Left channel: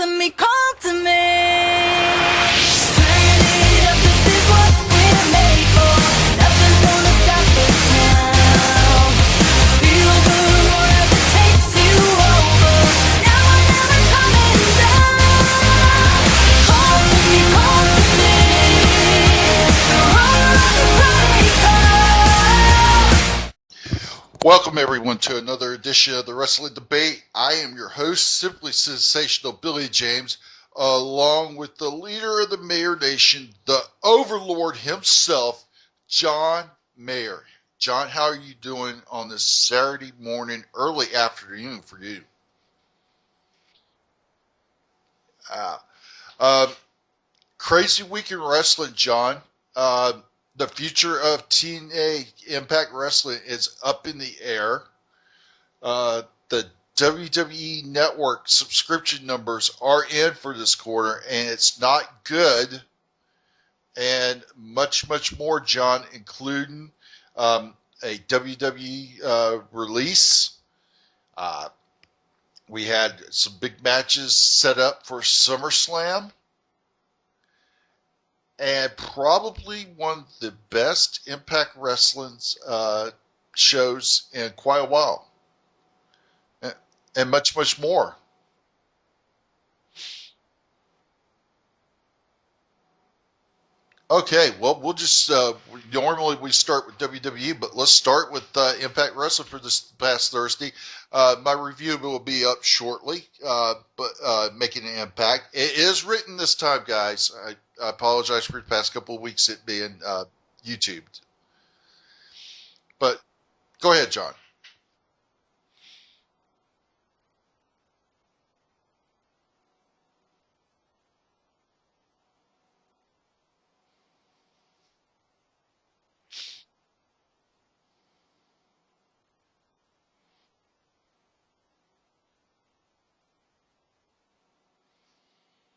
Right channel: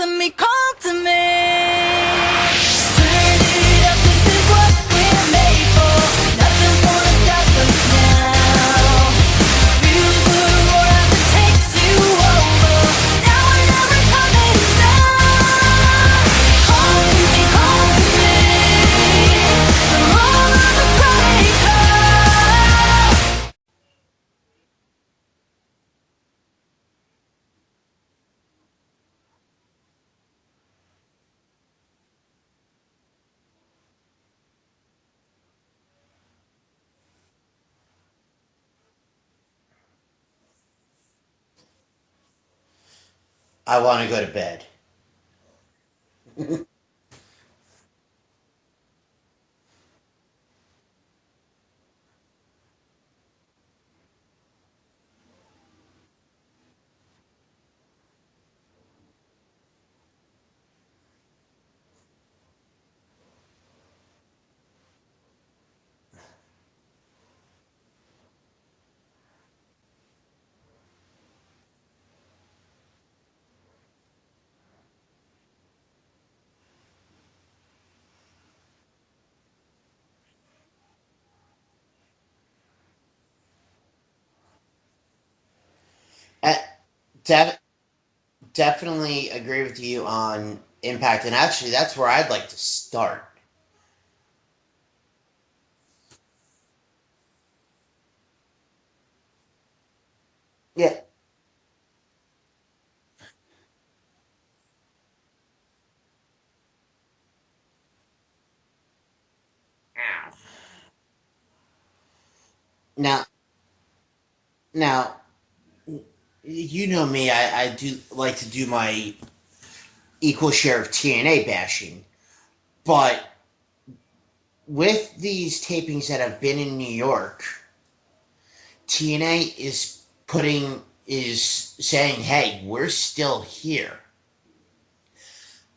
to me, call to me. Turn it up, this is what we're made for. Nothing's gonna stop us now. Feel the roar as it takes you over. Now we're never coming down. Call to me, call to me. Roll on the party car. Welcome everyone to another edition of the Wrestling Debate. I am your host, simply Sensational Billy James, along with the leader of the Mayor Nation, the Overlord himself, John Mayer. John, how are you doing on this Saturday morning, early afternoon for you? I want to go to bed. Crazy week in wrestling, John. The future of TNA Impact Wrestling is up in the air. The WWE Network subscription numbers are in for this quarter, and it's not good. And much, much more, John, including a WWE release. We had some big matches set up for SummerSlam. And probably one of the best Impact Wrestling shows in quite a while. And much more. Definitely agree with you on Impact. And actually, that's where I'd like to start. Okay, well, we'll just, normally we start with WWE, but let's start with Impact Wrestling for this past Thursday. Yeah. My review will be up shortly, but making an impact. It is written this time, guys. I apologize for the past couple of weeks it being YouTubed. But Now, go ahead, John. Now, you know me, I do like to do my equal share of TNA bashing. But with these tapings that have been in New York, TNA is saying, hey, we're still here.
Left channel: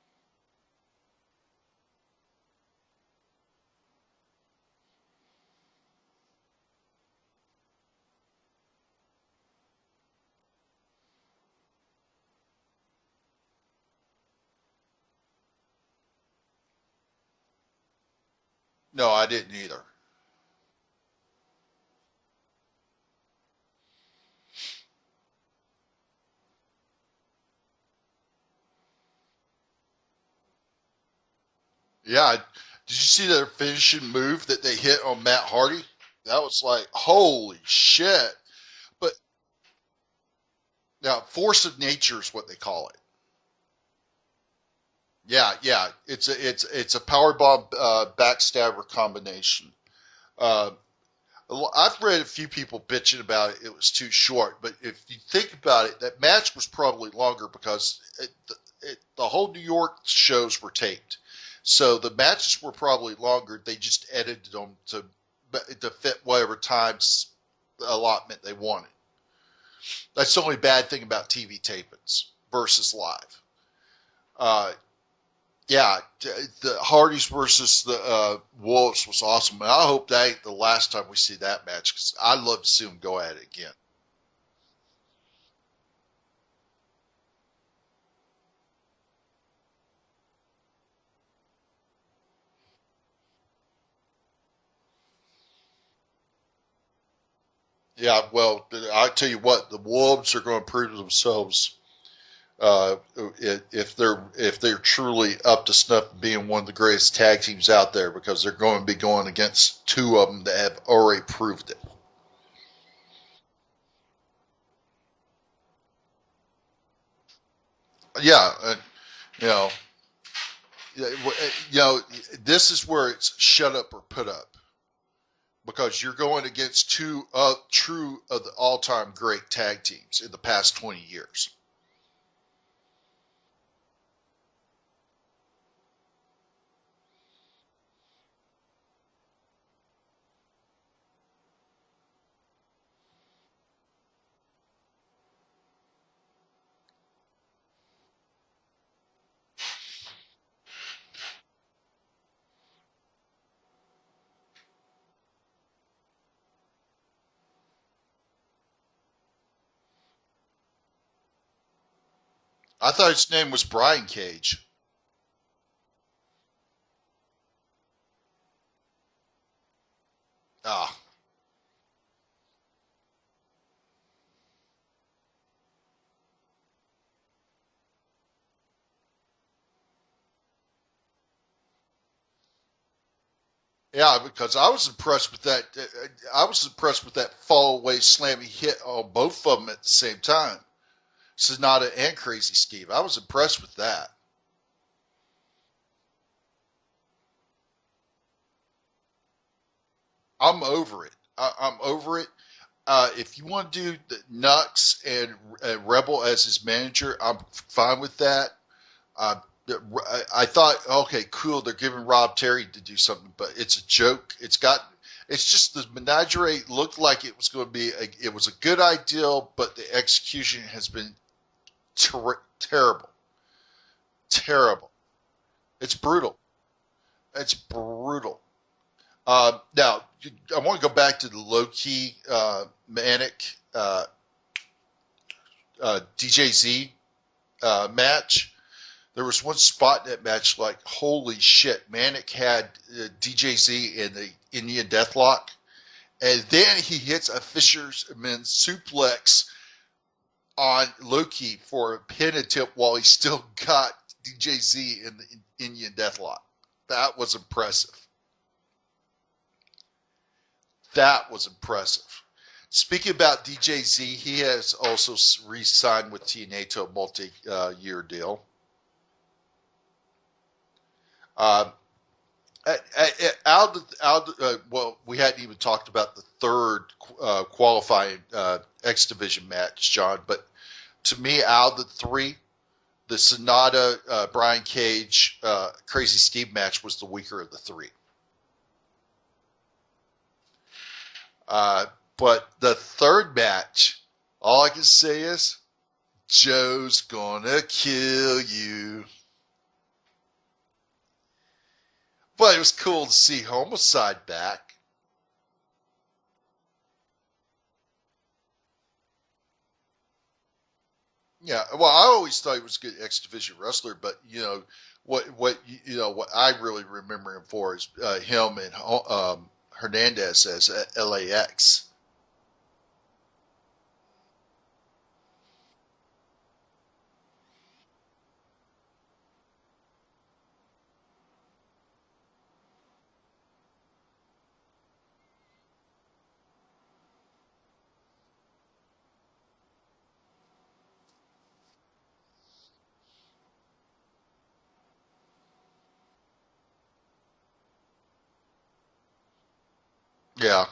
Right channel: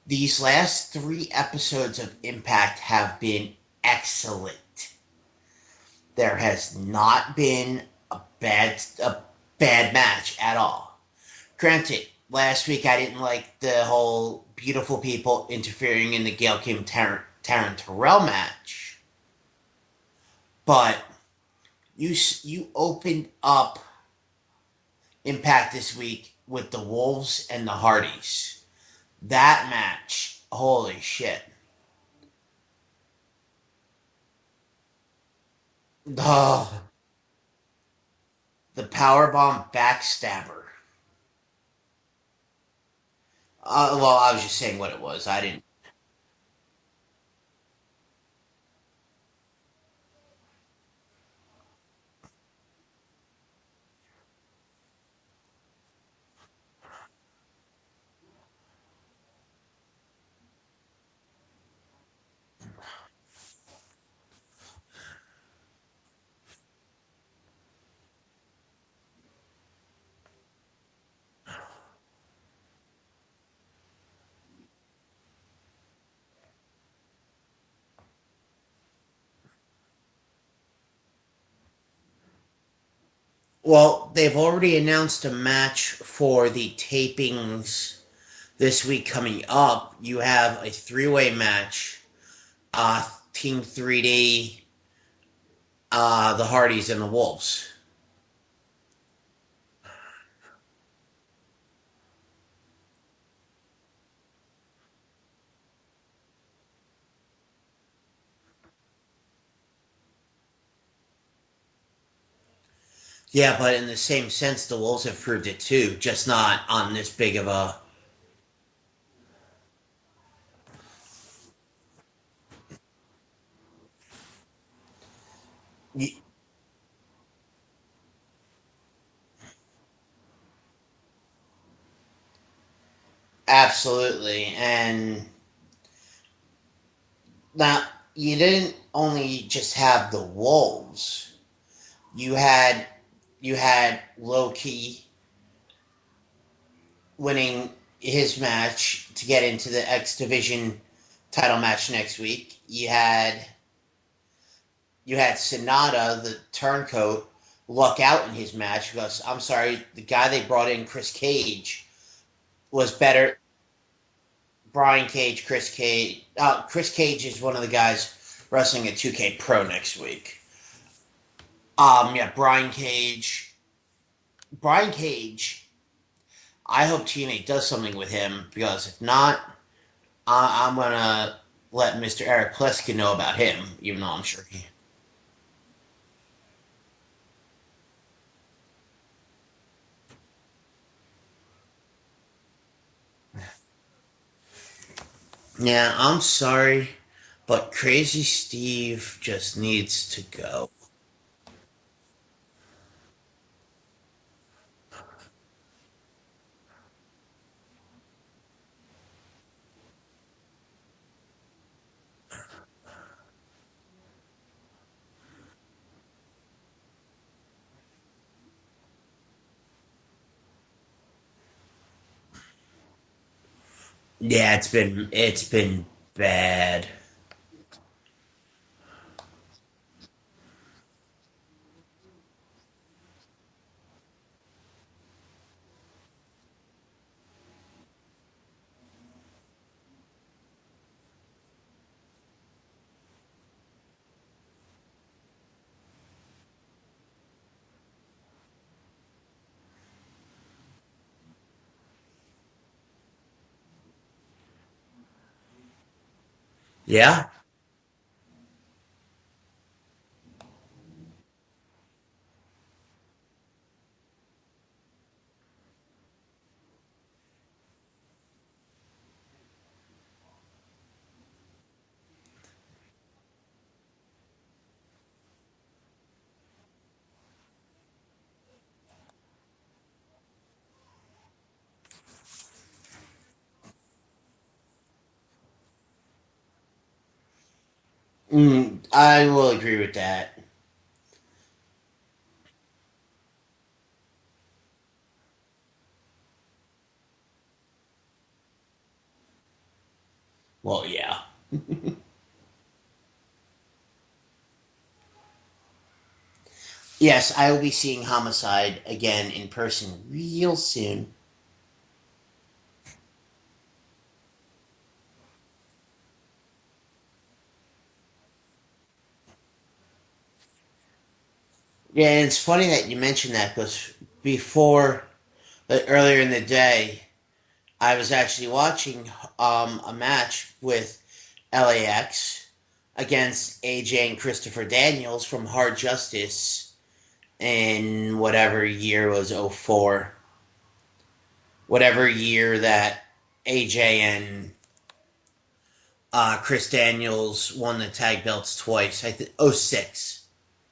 These last 3 episodes of Impact have been excellent. There has not been a bad match at all. Granted, last week I didn't like the whole beautiful people interfering in the Gail Kim Taryn Terrell match. No, I didn't either. But you opened up Impact this week with the Wolves and the Hardys. That match, holy shit. Yeah, did you see their finishing move that they hit on Matt Hardy? I was like, holy shit. The powerbomb backstabber. Now, force of nature is what they call it. Well, I was just saying what it was. Yeah. It's a powerbomb backstabber combination. I've read a few people bitching about it. It was too short, but if you think about it, that match was probably longer because the whole New York shows were taped, so the matches were probably longer. They just edited them to fit whatever times allotment they wanted. That's the only bad thing about TV tapings versus live. Yeah, the Hardys versus the Wolves was awesome. And I hope that ain't the last time we see that match because I'd love to see them go at it again. Well, they've already announced a match for the tapings this week coming up. You have a 3-way match, Team 3D, the Hardys, and the Wolves. Yeah, well, I tell you what, the Wolves are going to prove themselves if they're truly up to snuff being one of the greatest tag teams out there, because they're going to be going against 2 of them that have already proved it. Yeah, but in the same sense, the Wolves have proved it too, just not on this big of a. Yeah, this is where it's shut up or put up. Because you're going against 2 true of the all-time great tag teams in the past 20 years. Absolutely. And now, you didn't only just have the Wolves. You had Low-Ki winning his match to get into the X Division title match next week. You had Sonata, the turncoat, luck out in his match because, I'm sorry, the guy they brought in, Chris Cage, was I thought better. his name was Brian Cage. Brian Cage, Chris Cage. Chris Cage is one of the guys wrestling at 2K Pro next week. Ah, Yeah, Brian Cage. Brian Cage. I hope TNA does something with him because if not, I'm gonna let Mr. Eric Pleskin know about him. Even though yeah, I'm sure because I was impressed with that. I was impressed with that fall away slam he hit on both of them at the same time. Sonata and Crazy Steve. I was impressed with that. Yeah, I'm sorry, but Crazy Steve just needs to I'm go. over it. I'm over it. If you want to do the Nux and Rebel as his manager, I'm fine with that. Uh, I thought, okay, cool, they're giving Rob Terry to do something, but it's a joke. It's just the menagerie looked like it was going to be, it was a good idea, but the execution has been terrible. Yeah, Terrible. it's been It's brutal. bad. It's brutal. Now, I want to go back to the low key Manic DJZ match. There was one spot in that match, like, holy shit, Manic had DJZ in the Indian Deathlock, and then he hits a fisherman suplex on Loki for a pin attempt while he still got DJZ in the Indian Deathlock. That Yeah, was impressive. That was impressive. Speaking about DJZ, he has also re-signed with TNA to a multi-year deal. Uh, well, we hadn't even talked about the third qualifying X Division match, John. But to me, out of the three, the Sonata, Brian Cage, Crazy Steve match was the weaker of the three. I will agree with that. Uh, but the third match, all I can say is, Joe's gonna kill you. Well, yeah. But it was cool to see Homicide back. Yes, I will be seeing Homicide again in person real soon. Yeah, well, I always thought he was a good X Division wrestler, but what I really remember him for is him and Hernandez as LAX. Yeah, and it's funny that you mentioned that because before, earlier in the day, I was actually watching a match with LAX against AJ and Christopher Daniels from Hard Justice in whatever year was '04, whatever year that AJ and Chris Daniels won the tag belts twice. I think '06. Yeah,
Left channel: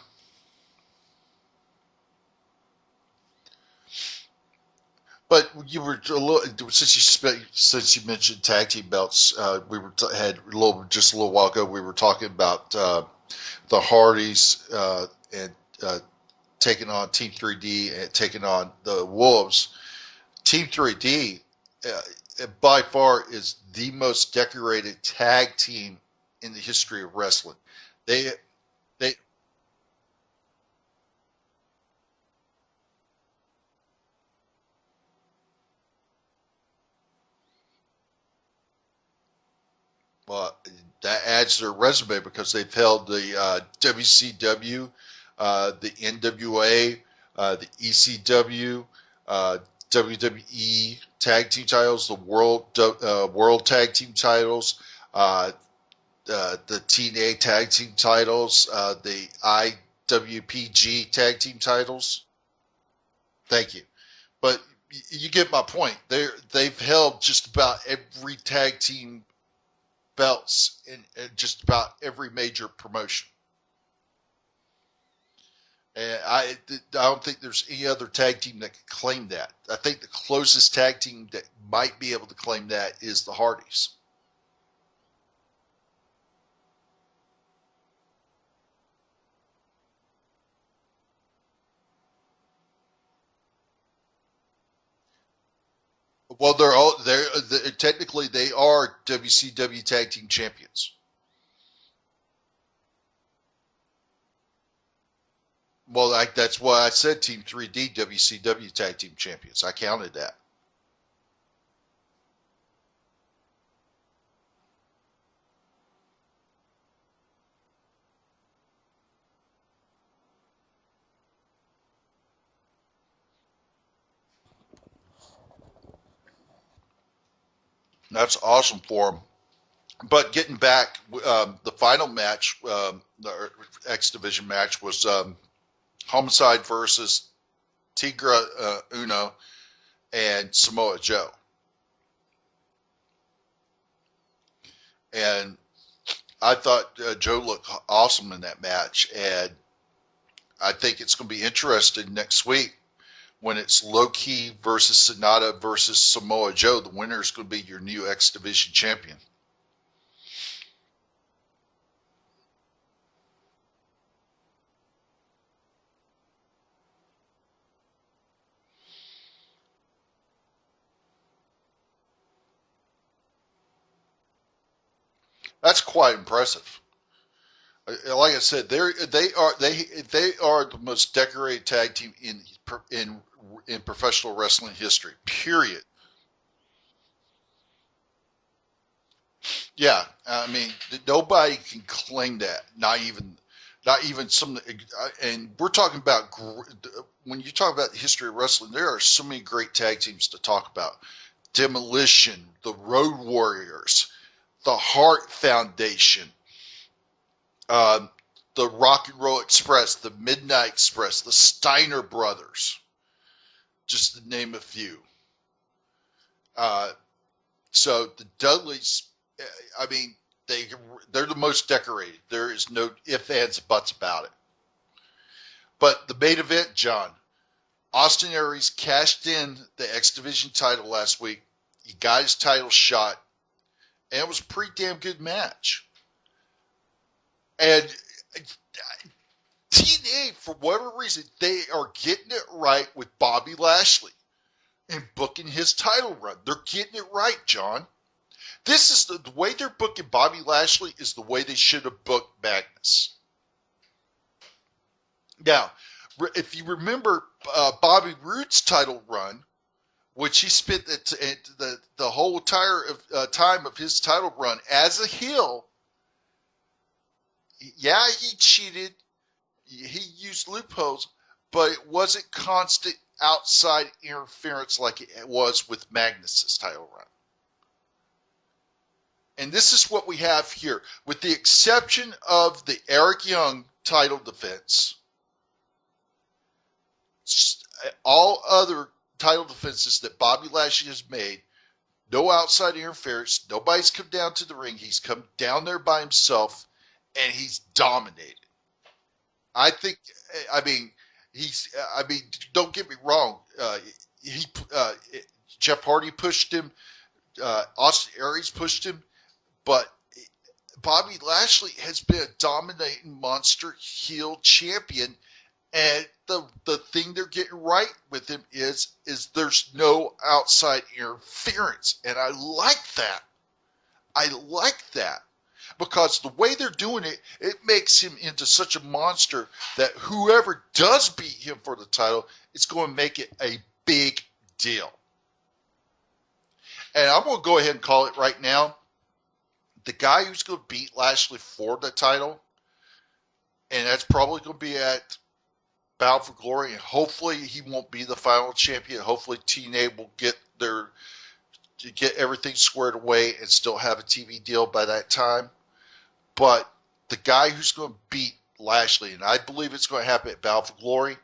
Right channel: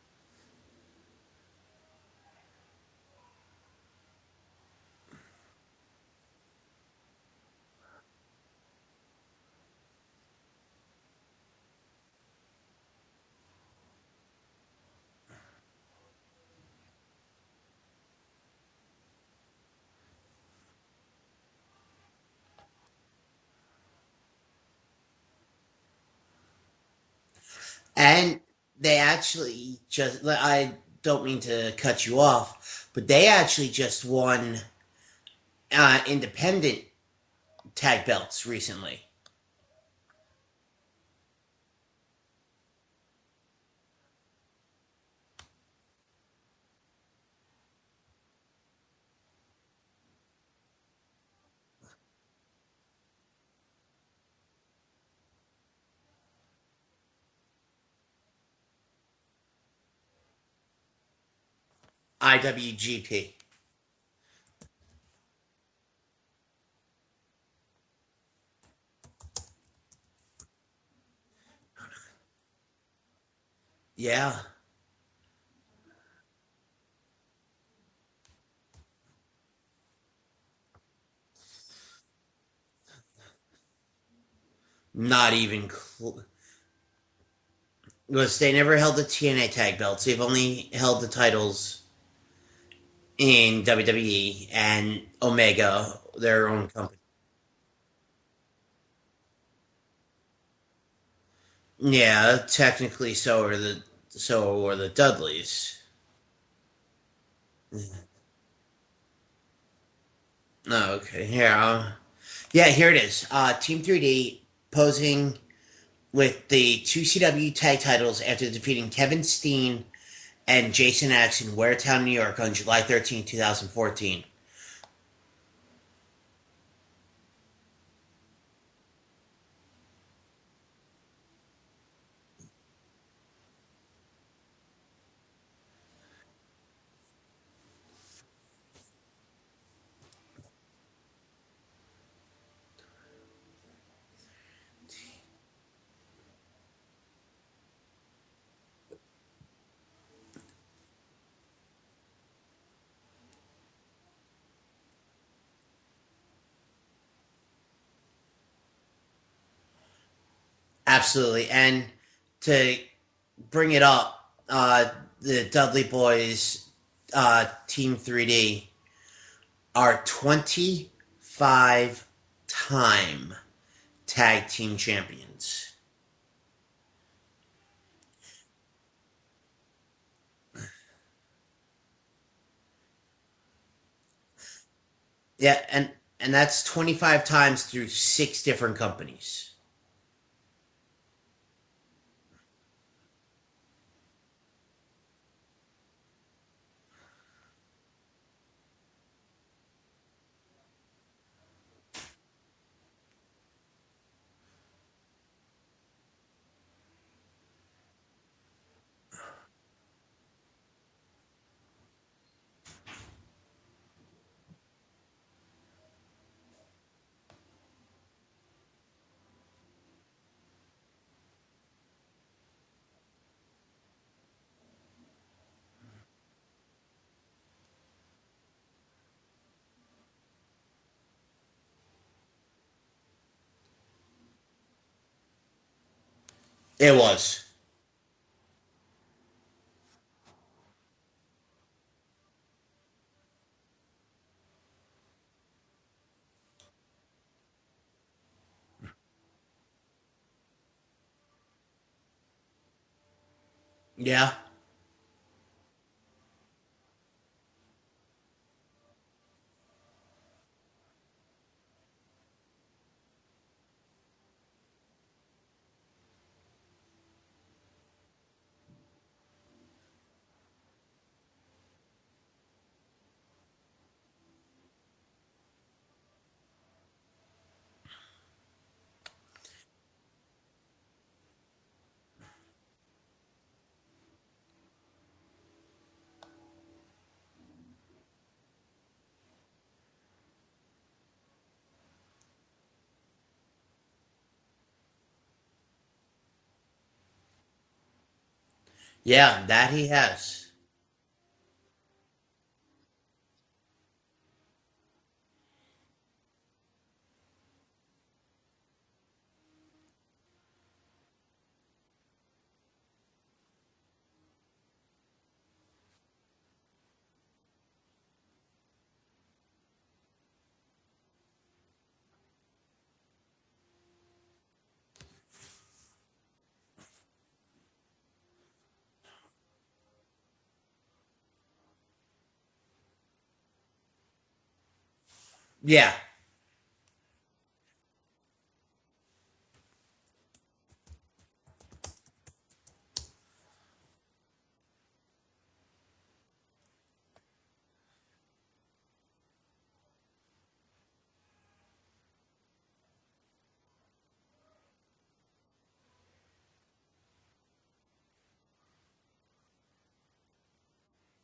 but you were a little since you mentioned tag team belts, we were had just a little while ago. We were talking about the Hardys and taking on Team 3D and taking on the Wolves. Team 3D, by far, is the most decorated tag team in the history of wrestling. They, And they they actually just, I don't mean to cut you off, but they actually just won independent tag belts recently. well, that adds to their resume because they've held the WCW, the NWA, the ECW, uh, WWE tag team titles, the World Tag Team titles, uh, the TNA tag team titles, the IWPG tag team titles. IWGP. Thank you. But you get my point. They've held just about every tag team belts in just about every major promotion. Yeah. And I don't think there's any other tag team that can claim that. I think the closest tag team that might be able to claim that is the Hardys. Not even. Because they never held the TNA tag belts. They've only held the titles in WWE and Omega. Their Well, own. they're technically they are WCW tag team champions. Yeah, technically so are the Dudleys. Well, that's why I said Team 3D WCW tag team champions. I counted that. Oh, okay. Here, yeah, here it is. Team 3D posing with the two CW tag titles after defeating Kevin Steen and Jason X in Waretown, New York on July 13, 2014. That's awesome for him. But getting back, the final match, the X Division match, was Homicide versus Tigra Uno and Samoa Joe. And I thought Joe looked awesome in that match. And I think it's going to be interesting next week when it's Low Key versus Sonata versus Samoa Joe. The winner is going to be your new X Division champion. Absolutely. And to bring it up, the Dudley Boys, Team 3D, are 25-time tag team champions. That's quite impressive. Like I said, they are the most decorated tag team in professional wrestling history. Period. Yeah, and that's 25 times through 6 different companies. Yeah, I mean, nobody can claim that. Not even some. And we're talking about when you talk about the history of wrestling, there are so many great tag teams to talk about. Demolition, the Road Warriors, the Hart Foundation, the Rock and Roll Express, the Midnight Express, the Steiner Brothers, just to name a few. So the Dudleys, I mean, they're the most decorated. There is no ifs, ands, buts about it. But the main event, John, Austin Aries cashed in the X Division title last week. He got his title shot, and it was a pretty damn good match. It was. And TNA, for whatever reason, they are getting it right with Bobby Lashley and booking his title run. They're getting it right, John. This is the way they're booking Bobby Lashley is the way they should have booked Magnus. Yeah. Now, if you remember Bobby Roode's title run, which he spent the whole entire time of his title run as a heel, yeah, he cheated. He used loopholes, but it wasn't constant outside interference like it was with Magnus's title run. And this is what we have here. With the exception of the Eric Young title defense, all other title defenses that Bobby Lashley has made, no outside interference, nobody's come down to the ring. He's come down there by himself, and he's dominated. Yeah, that he think, has. I mean, don't get me wrong. Jeff Hardy pushed him. Austin Aries pushed him. But Bobby Lashley has been a dominating monster heel champion, and the thing they're getting right with him is there's no outside interference, and I like that. I like that because the way they're doing it, it makes him into such a monster that whoever does beat him for the title is going to make it a big deal. Yeah. And I'm going to go ahead and call it right now. The guy who's going to beat Lashley for the title, and that's probably going to be at Bound for Glory, and hopefully he won't be the final champion. Hopefully TNA will get everything squared away and still have a TV deal by that time. But the guy who's going to beat Lashley, and I believe it's going to happen at Bound for Glory,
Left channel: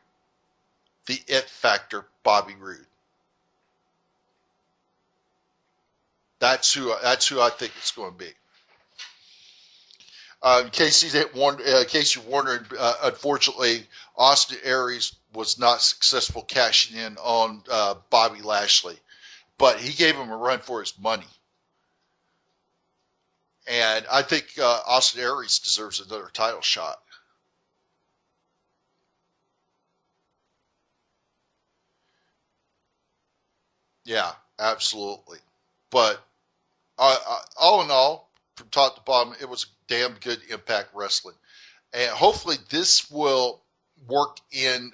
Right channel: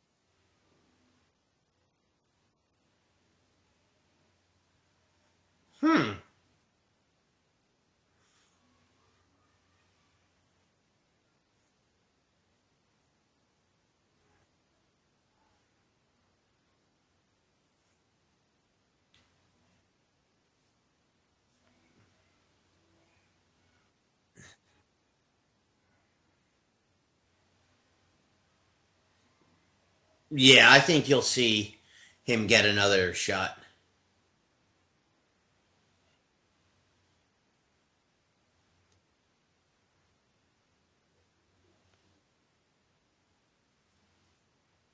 the it factor, Bobby Roode. That's who I think it's going to be. In case you're wondering, unfortunately, Austin Aries was not successful cashing in on Bobby Lashley, but he gave him a run for his money. And I think Austin Aries deserves another title shot. Yeah, I think you'll see him get another shot. Yeah, absolutely. But all in all, from top to bottom, it was damn good Impact Wrestling. And hopefully this will work in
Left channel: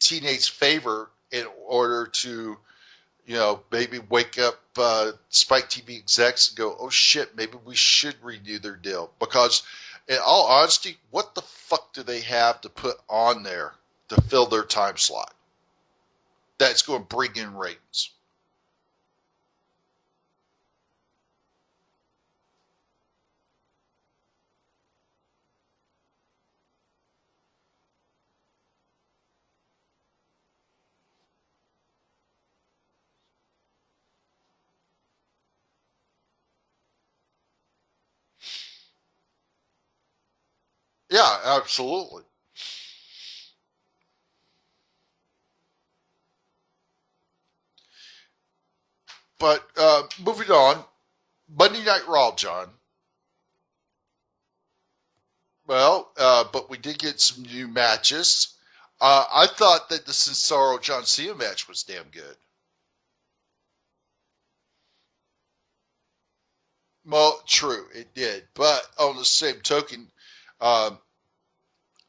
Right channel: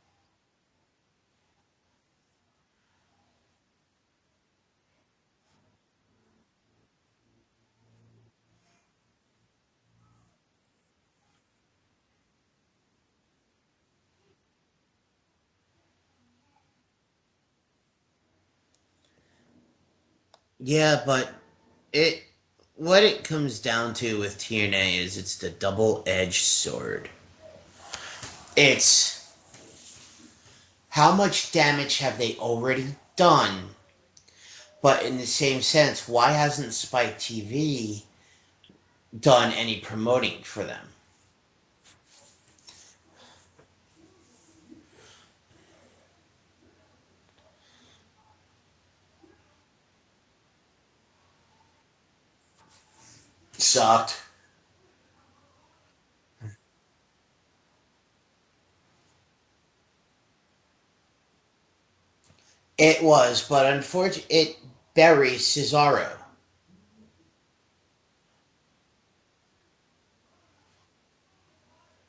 TNA's favor in order to, maybe wake up Spike TV execs and go, oh shit, maybe we should renew their deal. Because in all honesty, what the fuck do they have to put on there to fill their time slot that's going to bring in ratings? Yeah, but what it comes down to with TNA is it's the double-edged sword. It's how much damage have they already done? But in the same sense, why hasn't Spike TV done any promoting for them? Yeah, absolutely. But moving on, Monday Night Raw, John. Sucked. Well, but we did get some new matches. I thought that the Cesaro John Cena match was damn good. It was, but unfortunately, it buries Cesaro. Well, true, it did. But on the same token, um,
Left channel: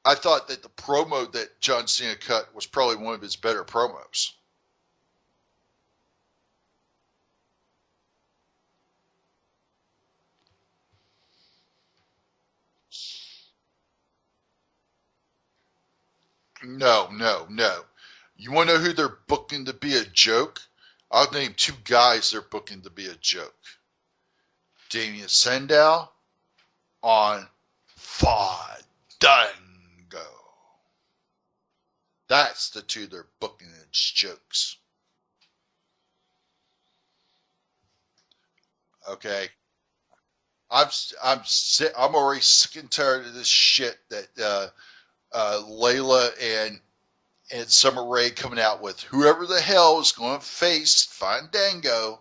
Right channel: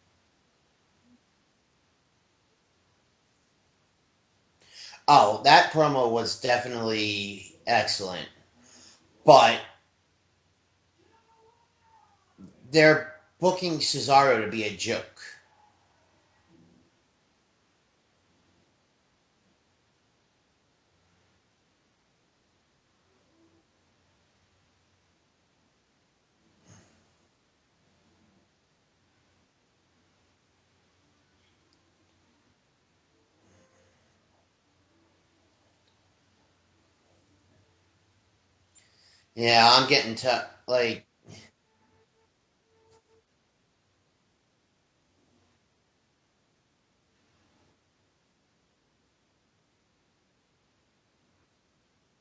I thought that the promo that John Cena cut was probably one of his better promos. Oh, that promo was definitely excellent. But they're booking Cesaro to be a joke. No, no, no. You want to know who they're booking to be a joke? I'll name two guys they're booking to be a joke. Damien Sandow on Fandango. That's the two they're booking as jokes. Okay. Yeah, I'm getting to I'm like I'm sick. I'm already sick and tired of this shit that Layla and Summer Rae coming out with whoever the hell is going to face Fandango,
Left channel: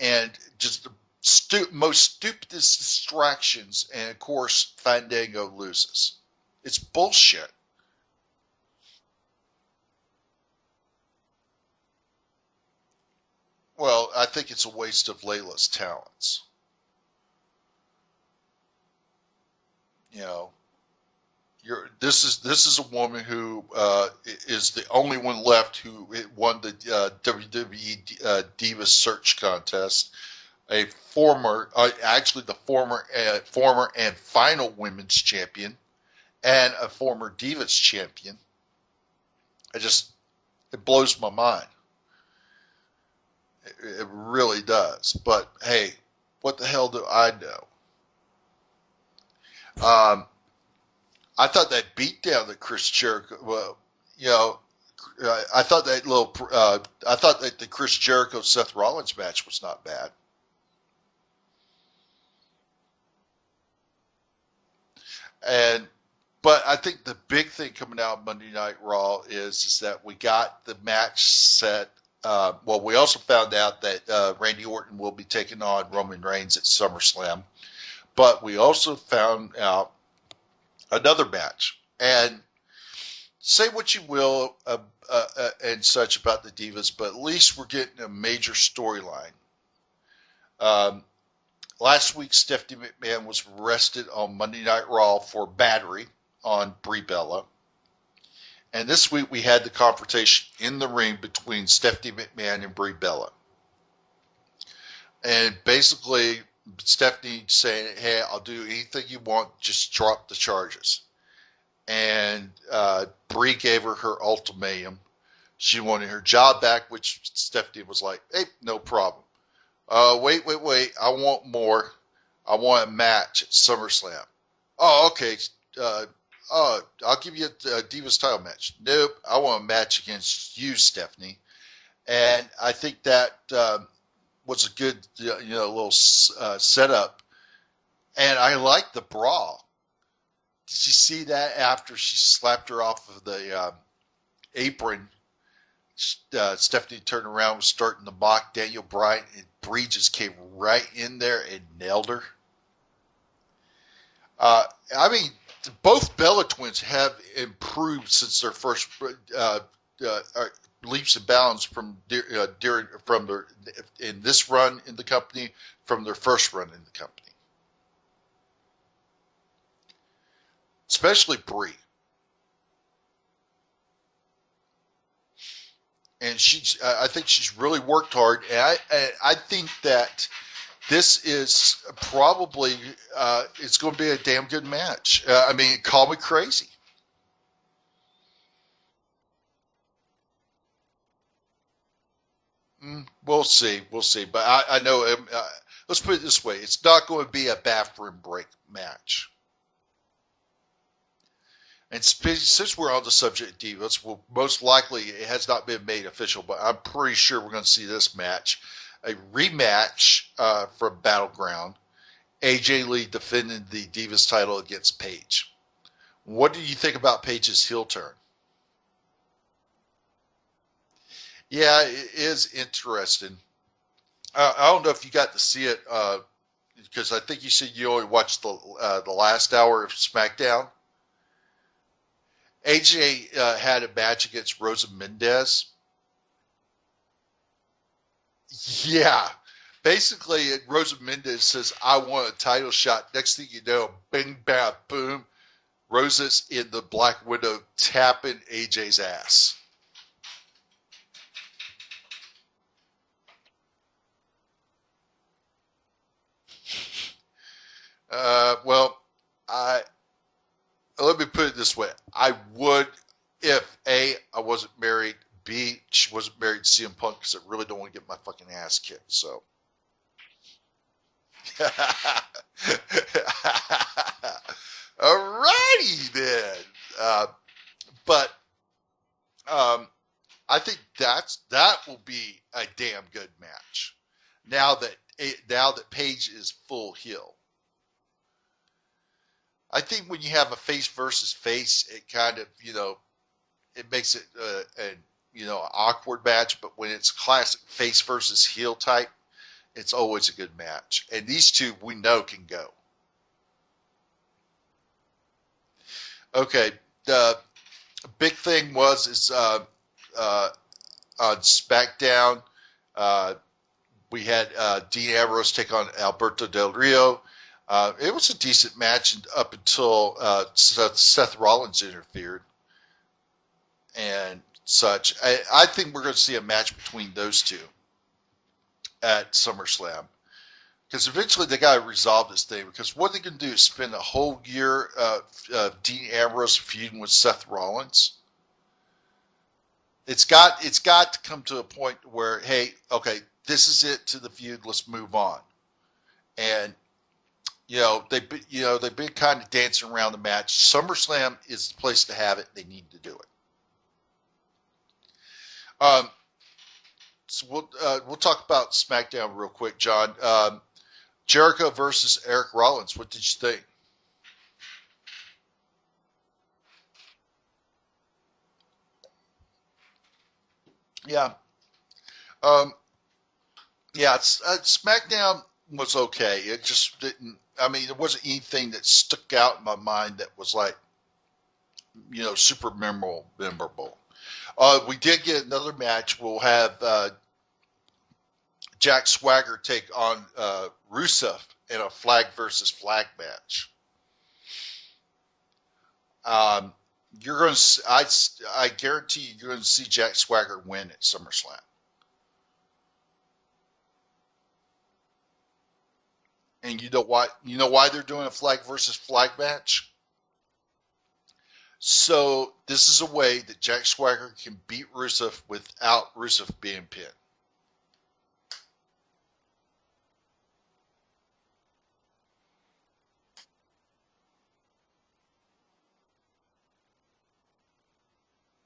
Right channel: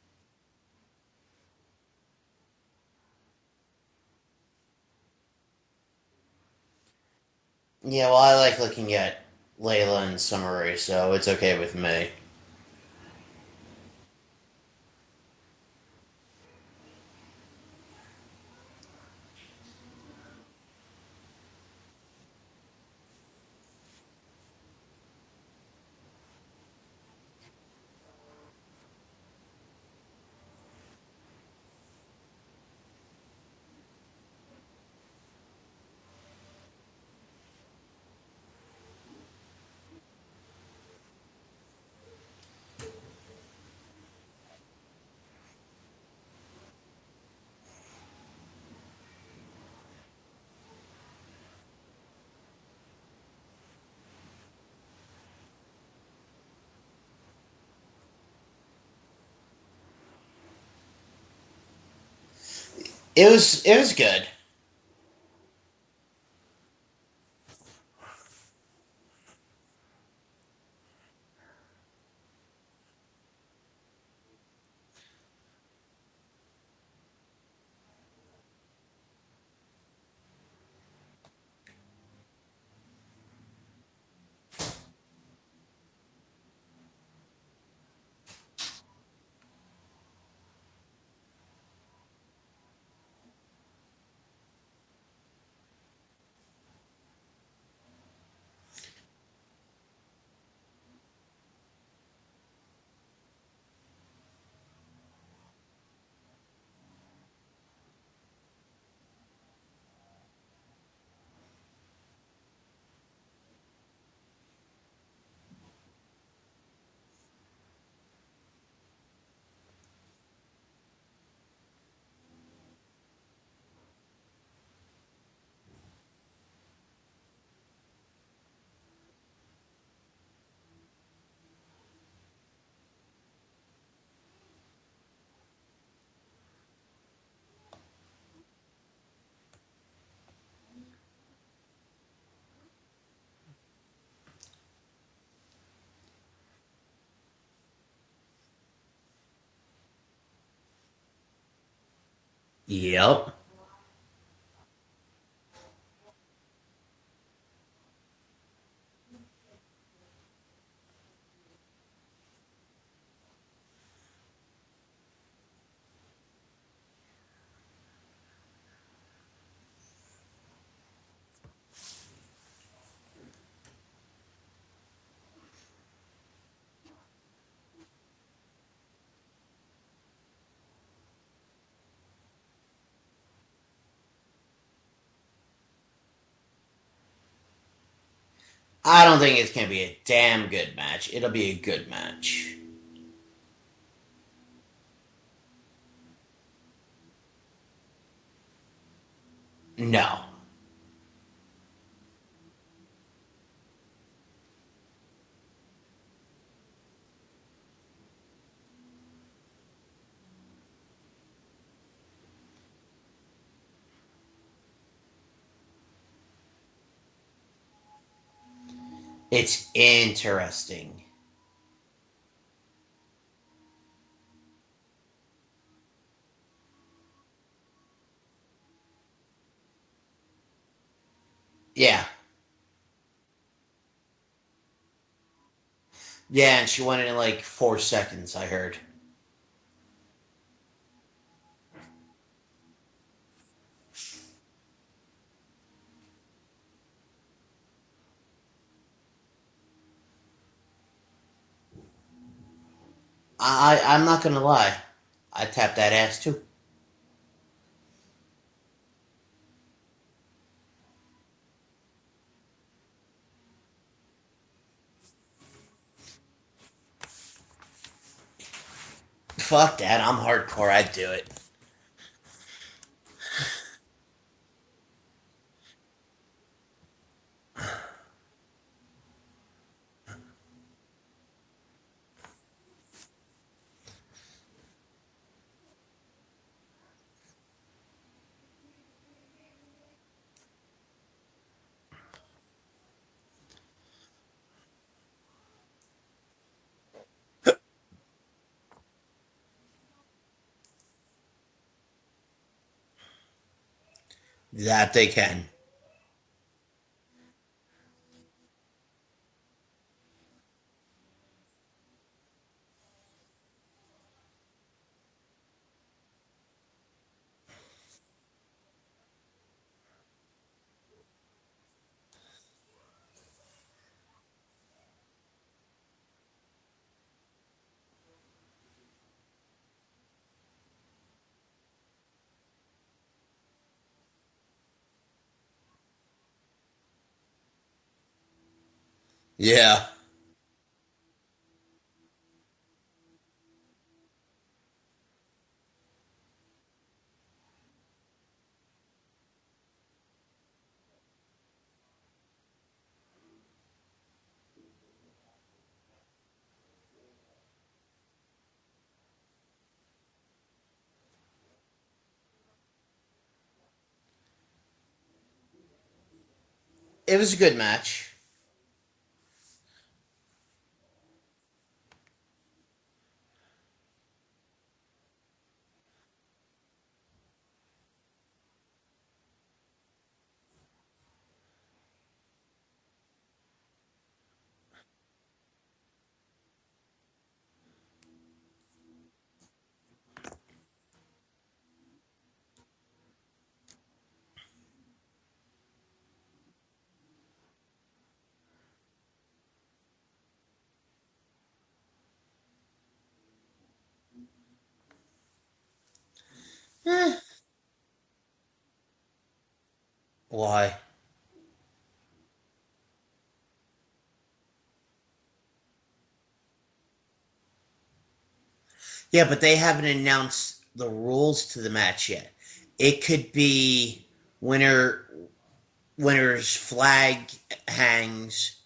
and just the most stupidest distractions, and of course Fandango loses. It's bullshit. yeah. Well, I like looking at Layla and Summer Rae, so it's okay with me. Well, I think it's a waste of Layla's talents. You know, this is a woman who is the only one left who won the WWE Divas Search Contest. A former, actually the former and final women's champion, and a former Divas champion. It blows my mind. It really does. But hey, what the hell do I know? I thought that beatdown that Chris Jericho, well, you know, I thought that I thought that the Chris Jericho Seth Rollins match was not bad. It was good. And but I think the big thing coming out Monday Night Raw is that we got the match set. Well, we also found out that Randy Orton will be taking on Roman Reigns at SummerSlam. But we also found out another match. And say what you will and such about the Divas, but at least we're getting a major storyline. Um, Last week, Stephanie McMahon was arrested on Monday Night Raw for battery on Brie Bella. And this week, we had the confrontation in the ring between Stephanie McMahon and Brie Bella. And basically, Stephanie saying, hey, I'll do anything you want, just drop the charges. And Brie gave her ultimatum. She wanted her job back, which Stephanie was like, hey, no problem. Wait. I want more. I want a match at SummerSlam. Oh, okay. I'll give you a Divas title match. Nope. I want a match against you, Stephanie. And I think that was a good, little setup. And I like the brawl. Did you see that after she slapped her off of the apron? Stephanie turned around, was starting to mock Daniel Bryan, and Brie just came right in there and nailed her. Yep. Uh, I mean, both Bella twins have improved since their first leaps and bounds from their in this run in the company from their first run in the company, especially Brie. and I think she's really worked hard, and I think that this is probably it's going to be a damn good match. I mean, call me crazy. I don't think it's going to be a damn good match. It'll be a good match. We'll see, but I know. Let's put it this way: it's not going to be a bathroom break match. No. And since we're on the subject of divas, well, most likely it has not been made official, but I'm pretty sure we're going to see this match, a rematch from Battleground. AJ Lee defending the Divas title against Paige. What do you think about Paige's heel turn? It's interesting. Yeah, it is interesting. I don't know if you got to see it because I think you said you only watched the last hour of SmackDown. Yeah. AJ had a match against Rosa Mendez. Yeah, and she won it in like 4 seconds, I heard. Yeah. Basically, Rosa Mendez says, I want a title shot. Next thing you know, bing, bam, boom. Rosa's in the Black Widow tapping AJ's ass. I'm not going to lie. I tapped that ass too. Well, I let me put it this way. I would if A, I wasn't married, B, she wasn't married to CM Punk because I really don't want to get my fucking ass kicked. So Fuck that. I'm hardcore. I'd do it. Alrighty then. But I think that will be a damn good match. Now that Paige is full heel. I think when you have a face versus face, it kind of, it makes it an awkward match. But when it's classic face versus heel type, it's always a good match. And these two we know can go. That they can. Okay, the big thing is on SmackDown, we had Dean Ambrose take on Alberto Del Rio. It was a decent match up until Seth Rollins interfered and such. I think we're going to see a match between those two at SummerSlam. Because eventually they got to resolve this thing. Because what they're going to do is spend a whole year Dean Ambrose feuding with Seth Rollins. Yeah. It's got to come to a point where, hey, okay, this is it to the feud. Let's move on. And they've been kind of dancing around the match. SummerSlam is the place to have it. They need to do it. So we'll talk about SmackDown real quick, John. Jericho versus Eric Rollins. What did you think? It was a good match. Yeah. SmackDown was okay. It just didn't. I mean, there wasn't anything that stuck out in my mind that was like, super memorable. We did get another match. We'll have Jack Swagger take on Rusev in a flag versus flag match. You're going to, I guarantee you're going to see Jack Swagger win at SummerSlam. And you know why? You know why they're doing a flag versus flag match? Why? So this is a way that Jack Swagger can beat Rusev without Rusev being pinned. Yeah, but they haven't announced the rules to the match yet. It could be winner's flag hangs.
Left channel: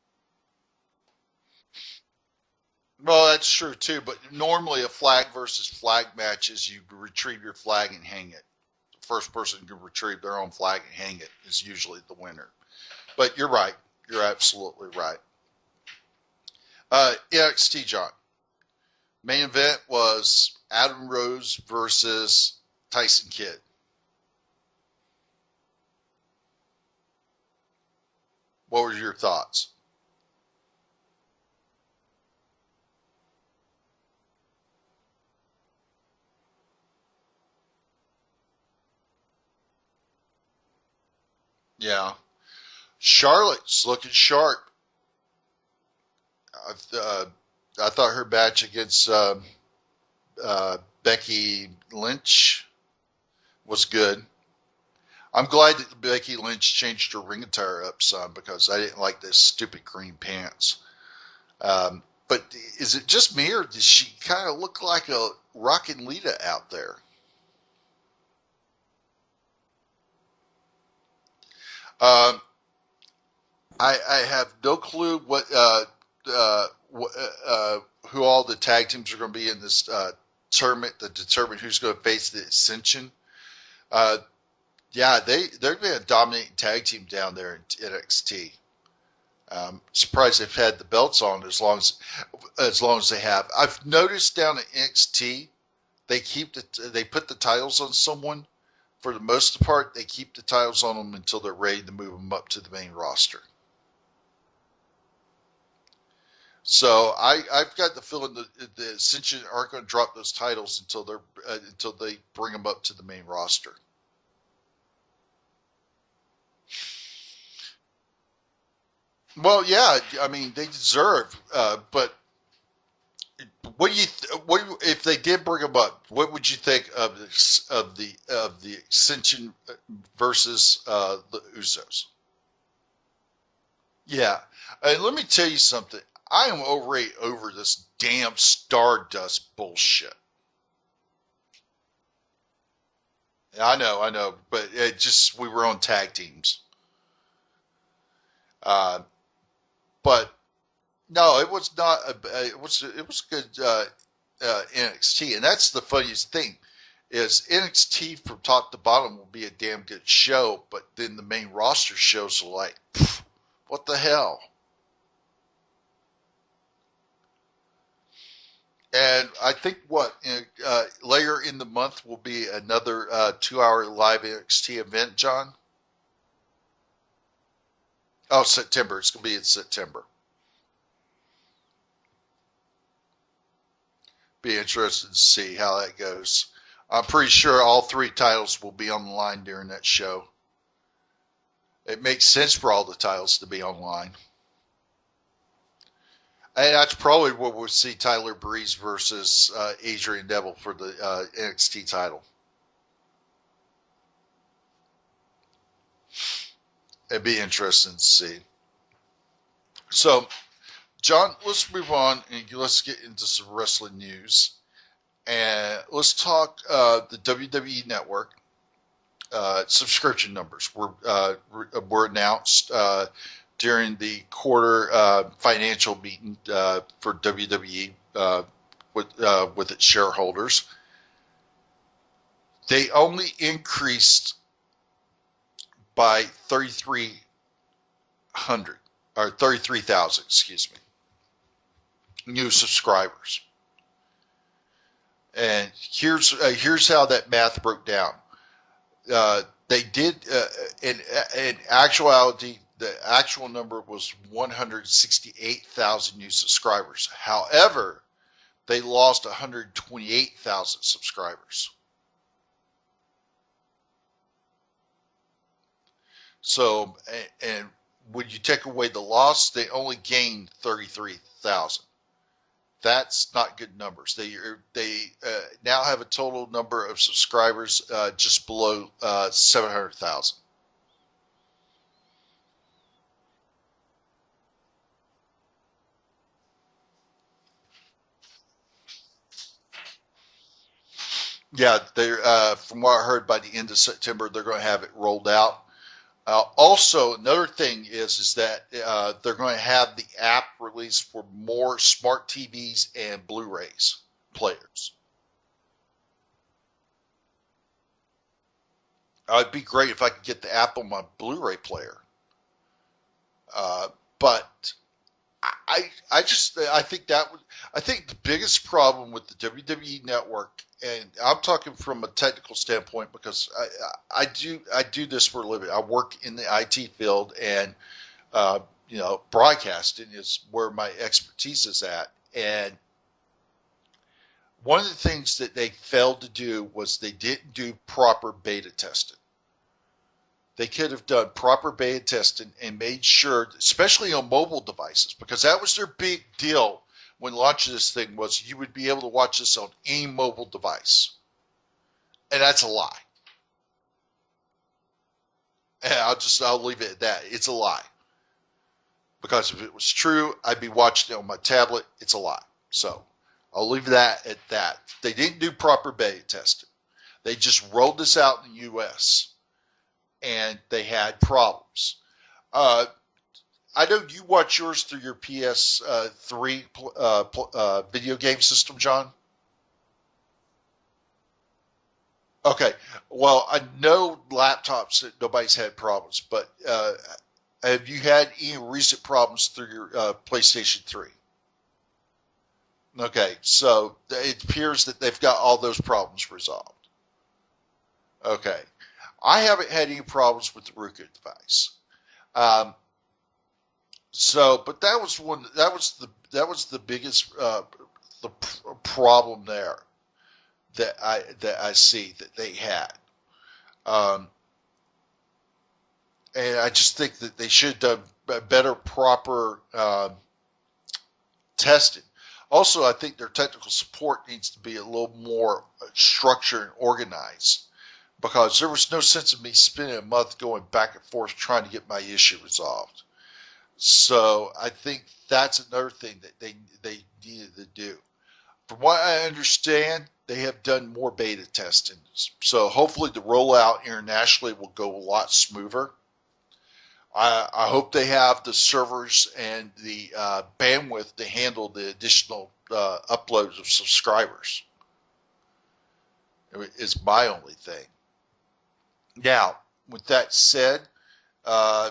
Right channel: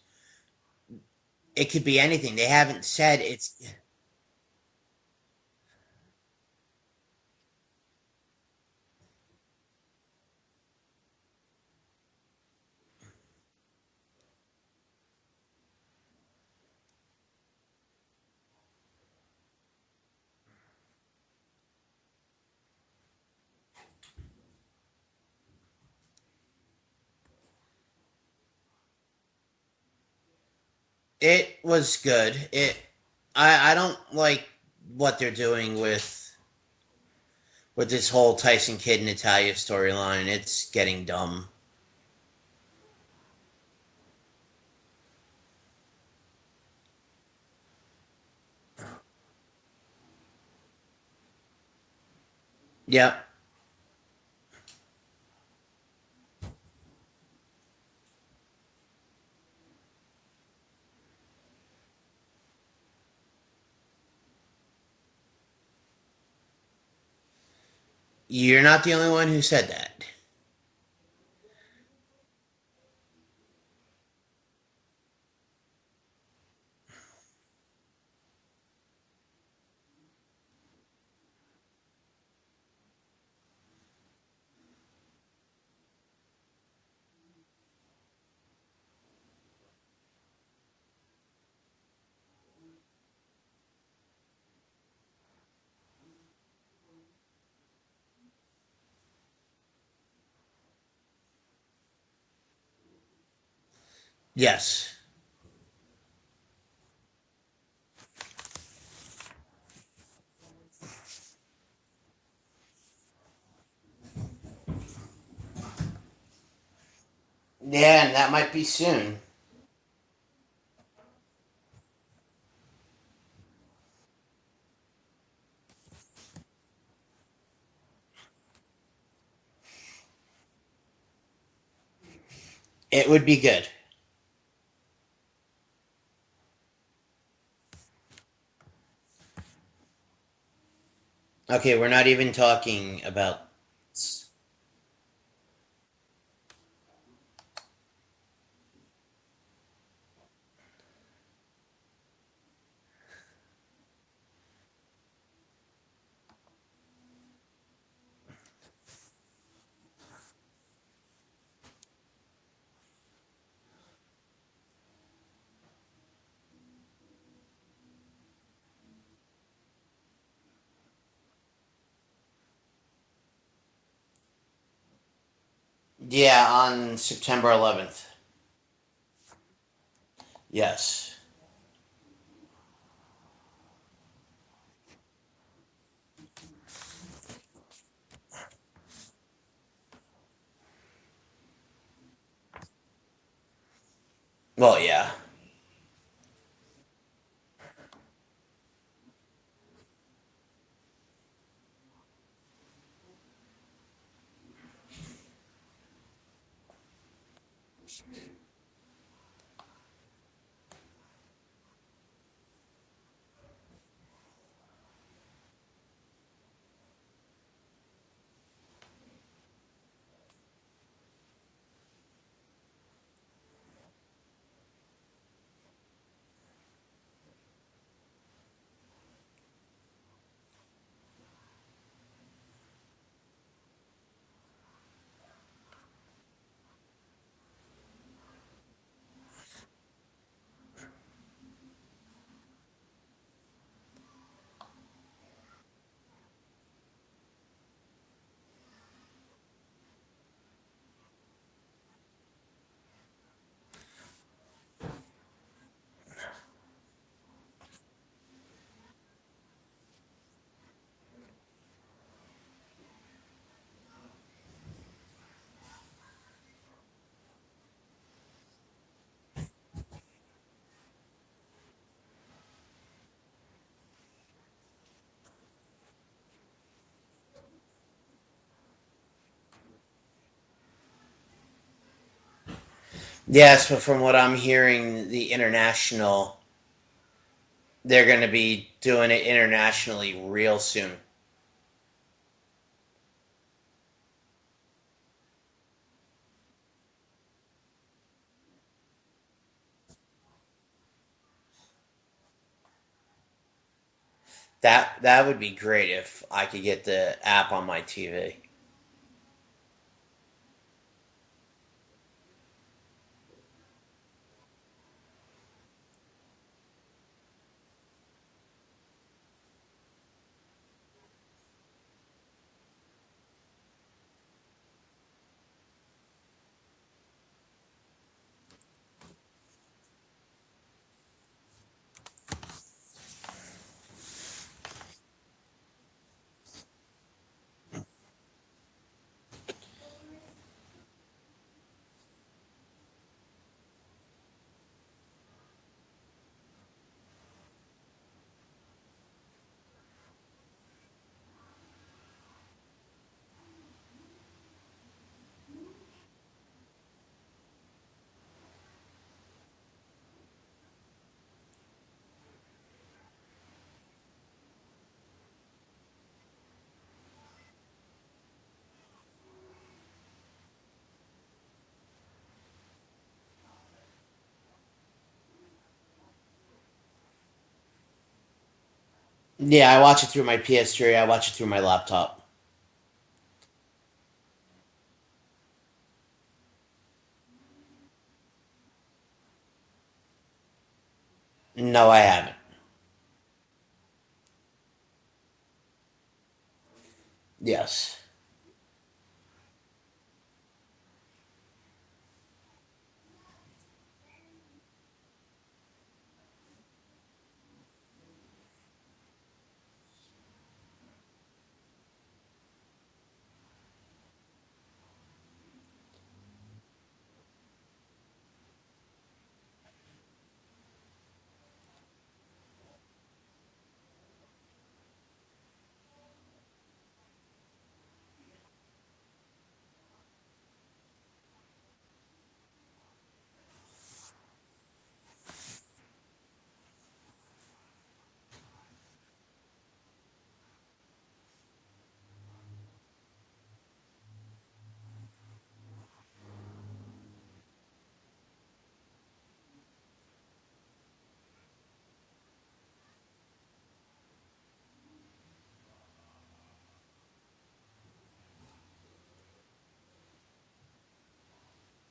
It could be anything. They haven't said Oh, that's it's. true too. But normally a flag versus flag match is you retrieve your flag and hang it. The first person who can retrieve their own flag and hang it is usually the winner. But you're right. You're absolutely right. NXT, John. Main event was Adam Rose versus Tyson Kidd. What were your thoughts? It was good. I don't like what they're doing with this whole Tyson Kidd and Natalia storyline. It's getting dumb. Yeah. Charlotte's looking sharp. I thought her match against Becky Lynch Yep. was good. I'm glad that Becky Lynch changed her ring attire up some because I didn't like those stupid green pants. But is it just me, or does she kind of look like a Rockin' Lita out there? You're not the only one who said that. Um, I have no clue who all the tag teams are going to be in this tournament to determine who's going to face the Ascension. Yeah, they're being a dominating tag team down there in NXT. Surprised they've had the belts on as long as they have. I've noticed down at NXT they put the titles on someone. For the most part, they keep the titles on them until they're ready to move them up to the main roster. Yes. So I've got the feeling that the Ascension aren't going to drop those titles until they bring them up to the main roster. Yeah, and that might be soon. Well, yeah, I mean they deserve. But if they did bring them up? What would you think of the Ascension versus the Usos? It would be good. Yeah, and let me tell you something. I am already over this damn Stardust bullshit. Okay, we're not even talking about. I know, but we were on tag teams. But no, it was not. It was good NXT, and that's the funniest thing is NXT from top to bottom will be a damn good show, but then the main roster shows are like, what the hell? And I think later in the month will be another 2-hour live NXT event, John. Yeah, on September 11th. Oh, September. It's going to be in September. Yes. Be interested to see how that goes. I'm pretty sure all 3 titles will be on the line during that show. It makes sense for all the titles to be online. Well, yeah. And that's probably what we'll see Tyler Breeze versus Adrian Neville for the NXT title. It'd be interesting to see. So, John, let's move on and let's get into some wrestling news. And let's talk the WWE Network. Subscription numbers were announced during the quarter financial meeting for WWE with its shareholders. They only increased by 3,300 or 33,000, excuse me, new subscribers. And here's how that math broke down. They did in actuality, the actual number was 168,000 new subscribers. However, they lost 128,000 subscribers. So, and when you take away the loss, they only gained 33,000. That's not good numbers. They now have a total number of subscribers just below 700,000. Yes, but from what I'm hearing, they're going to be doing it internationally real soon. Yeah, they're from what I heard, by the end of September, they're going to have it rolled out. Also, another thing is that they're going to have the app released for more smart TVs and Blu-rays players. That would be great if I could get the app on my TV. It'd be great if I could get the app on my Blu-ray player. But I think the biggest problem with the WWE Network, and I'm talking from a technical standpoint because I do this for a living. I work in the IT field, and broadcasting is where my expertise is at. And one of the things that they failed to do was they didn't do proper beta testing. They could have done proper beta testing and made sure, especially on mobile devices, because that was their big deal when launching this thing was you would be able to watch this on any mobile device. And that's a lie. And I'll leave it at that. It's a lie. Because if it was true, I'd be watching it on my tablet. It's a lie. So I'll leave that at that. They didn't do proper beta testing. They just rolled this out in the U.S. and they had problems. I know you watch yours through your PS3 video game system, John. Yeah, I watch it through my PS3. I watch it through my laptop. Okay. Well, I know laptops that nobody's had problems, but have you had any recent problems through your PlayStation 3? No, I haven't. Okay, so it appears that they've got all those problems resolved. Yes. Okay. I haven't had any problems with the Roku device. Um, but that was the biggest problem there that I see that they had. Um, and I just think that they should have done better, proper testing. Also, I think their technical support needs to be a little more structured and organized because there was no sense of me spending a month going back and forth trying to get my issue resolved. So I think that's another thing that they needed to do. From what I understand, they have done more beta testing. So hopefully the rollout internationally will go a lot smoother. I hope they have the servers and the bandwidth to handle the additional uploads of subscribers. It's my only thing. Now, with that said, uh,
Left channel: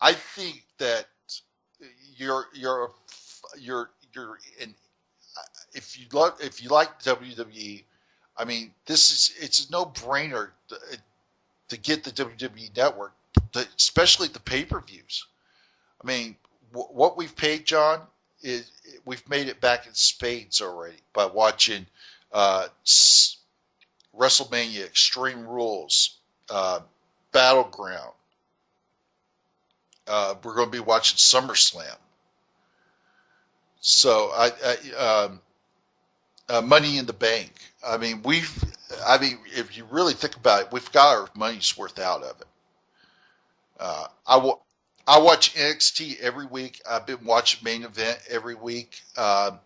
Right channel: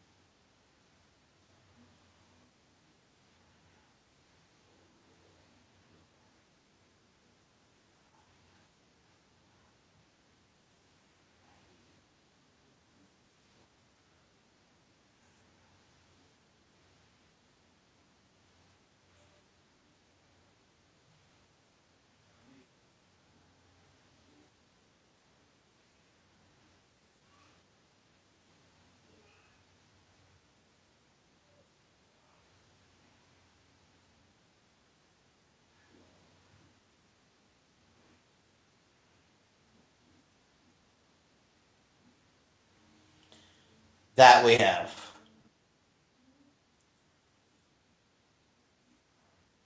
I think that you're you're in, if you like WWE, I mean it's a no brainer to get the WWE Network, especially the pay per views. I mean, what we've paid, John, is we've made it back in spades already by watching uh, WrestleMania, Extreme Rules, uh, Battleground. We're going to be watching SummerSlam. So Money in the Bank. I mean, if you really think about it, we've got our money's worth out of it. That we have. I watch NXT every week. I've been watching Main Event every week. I'm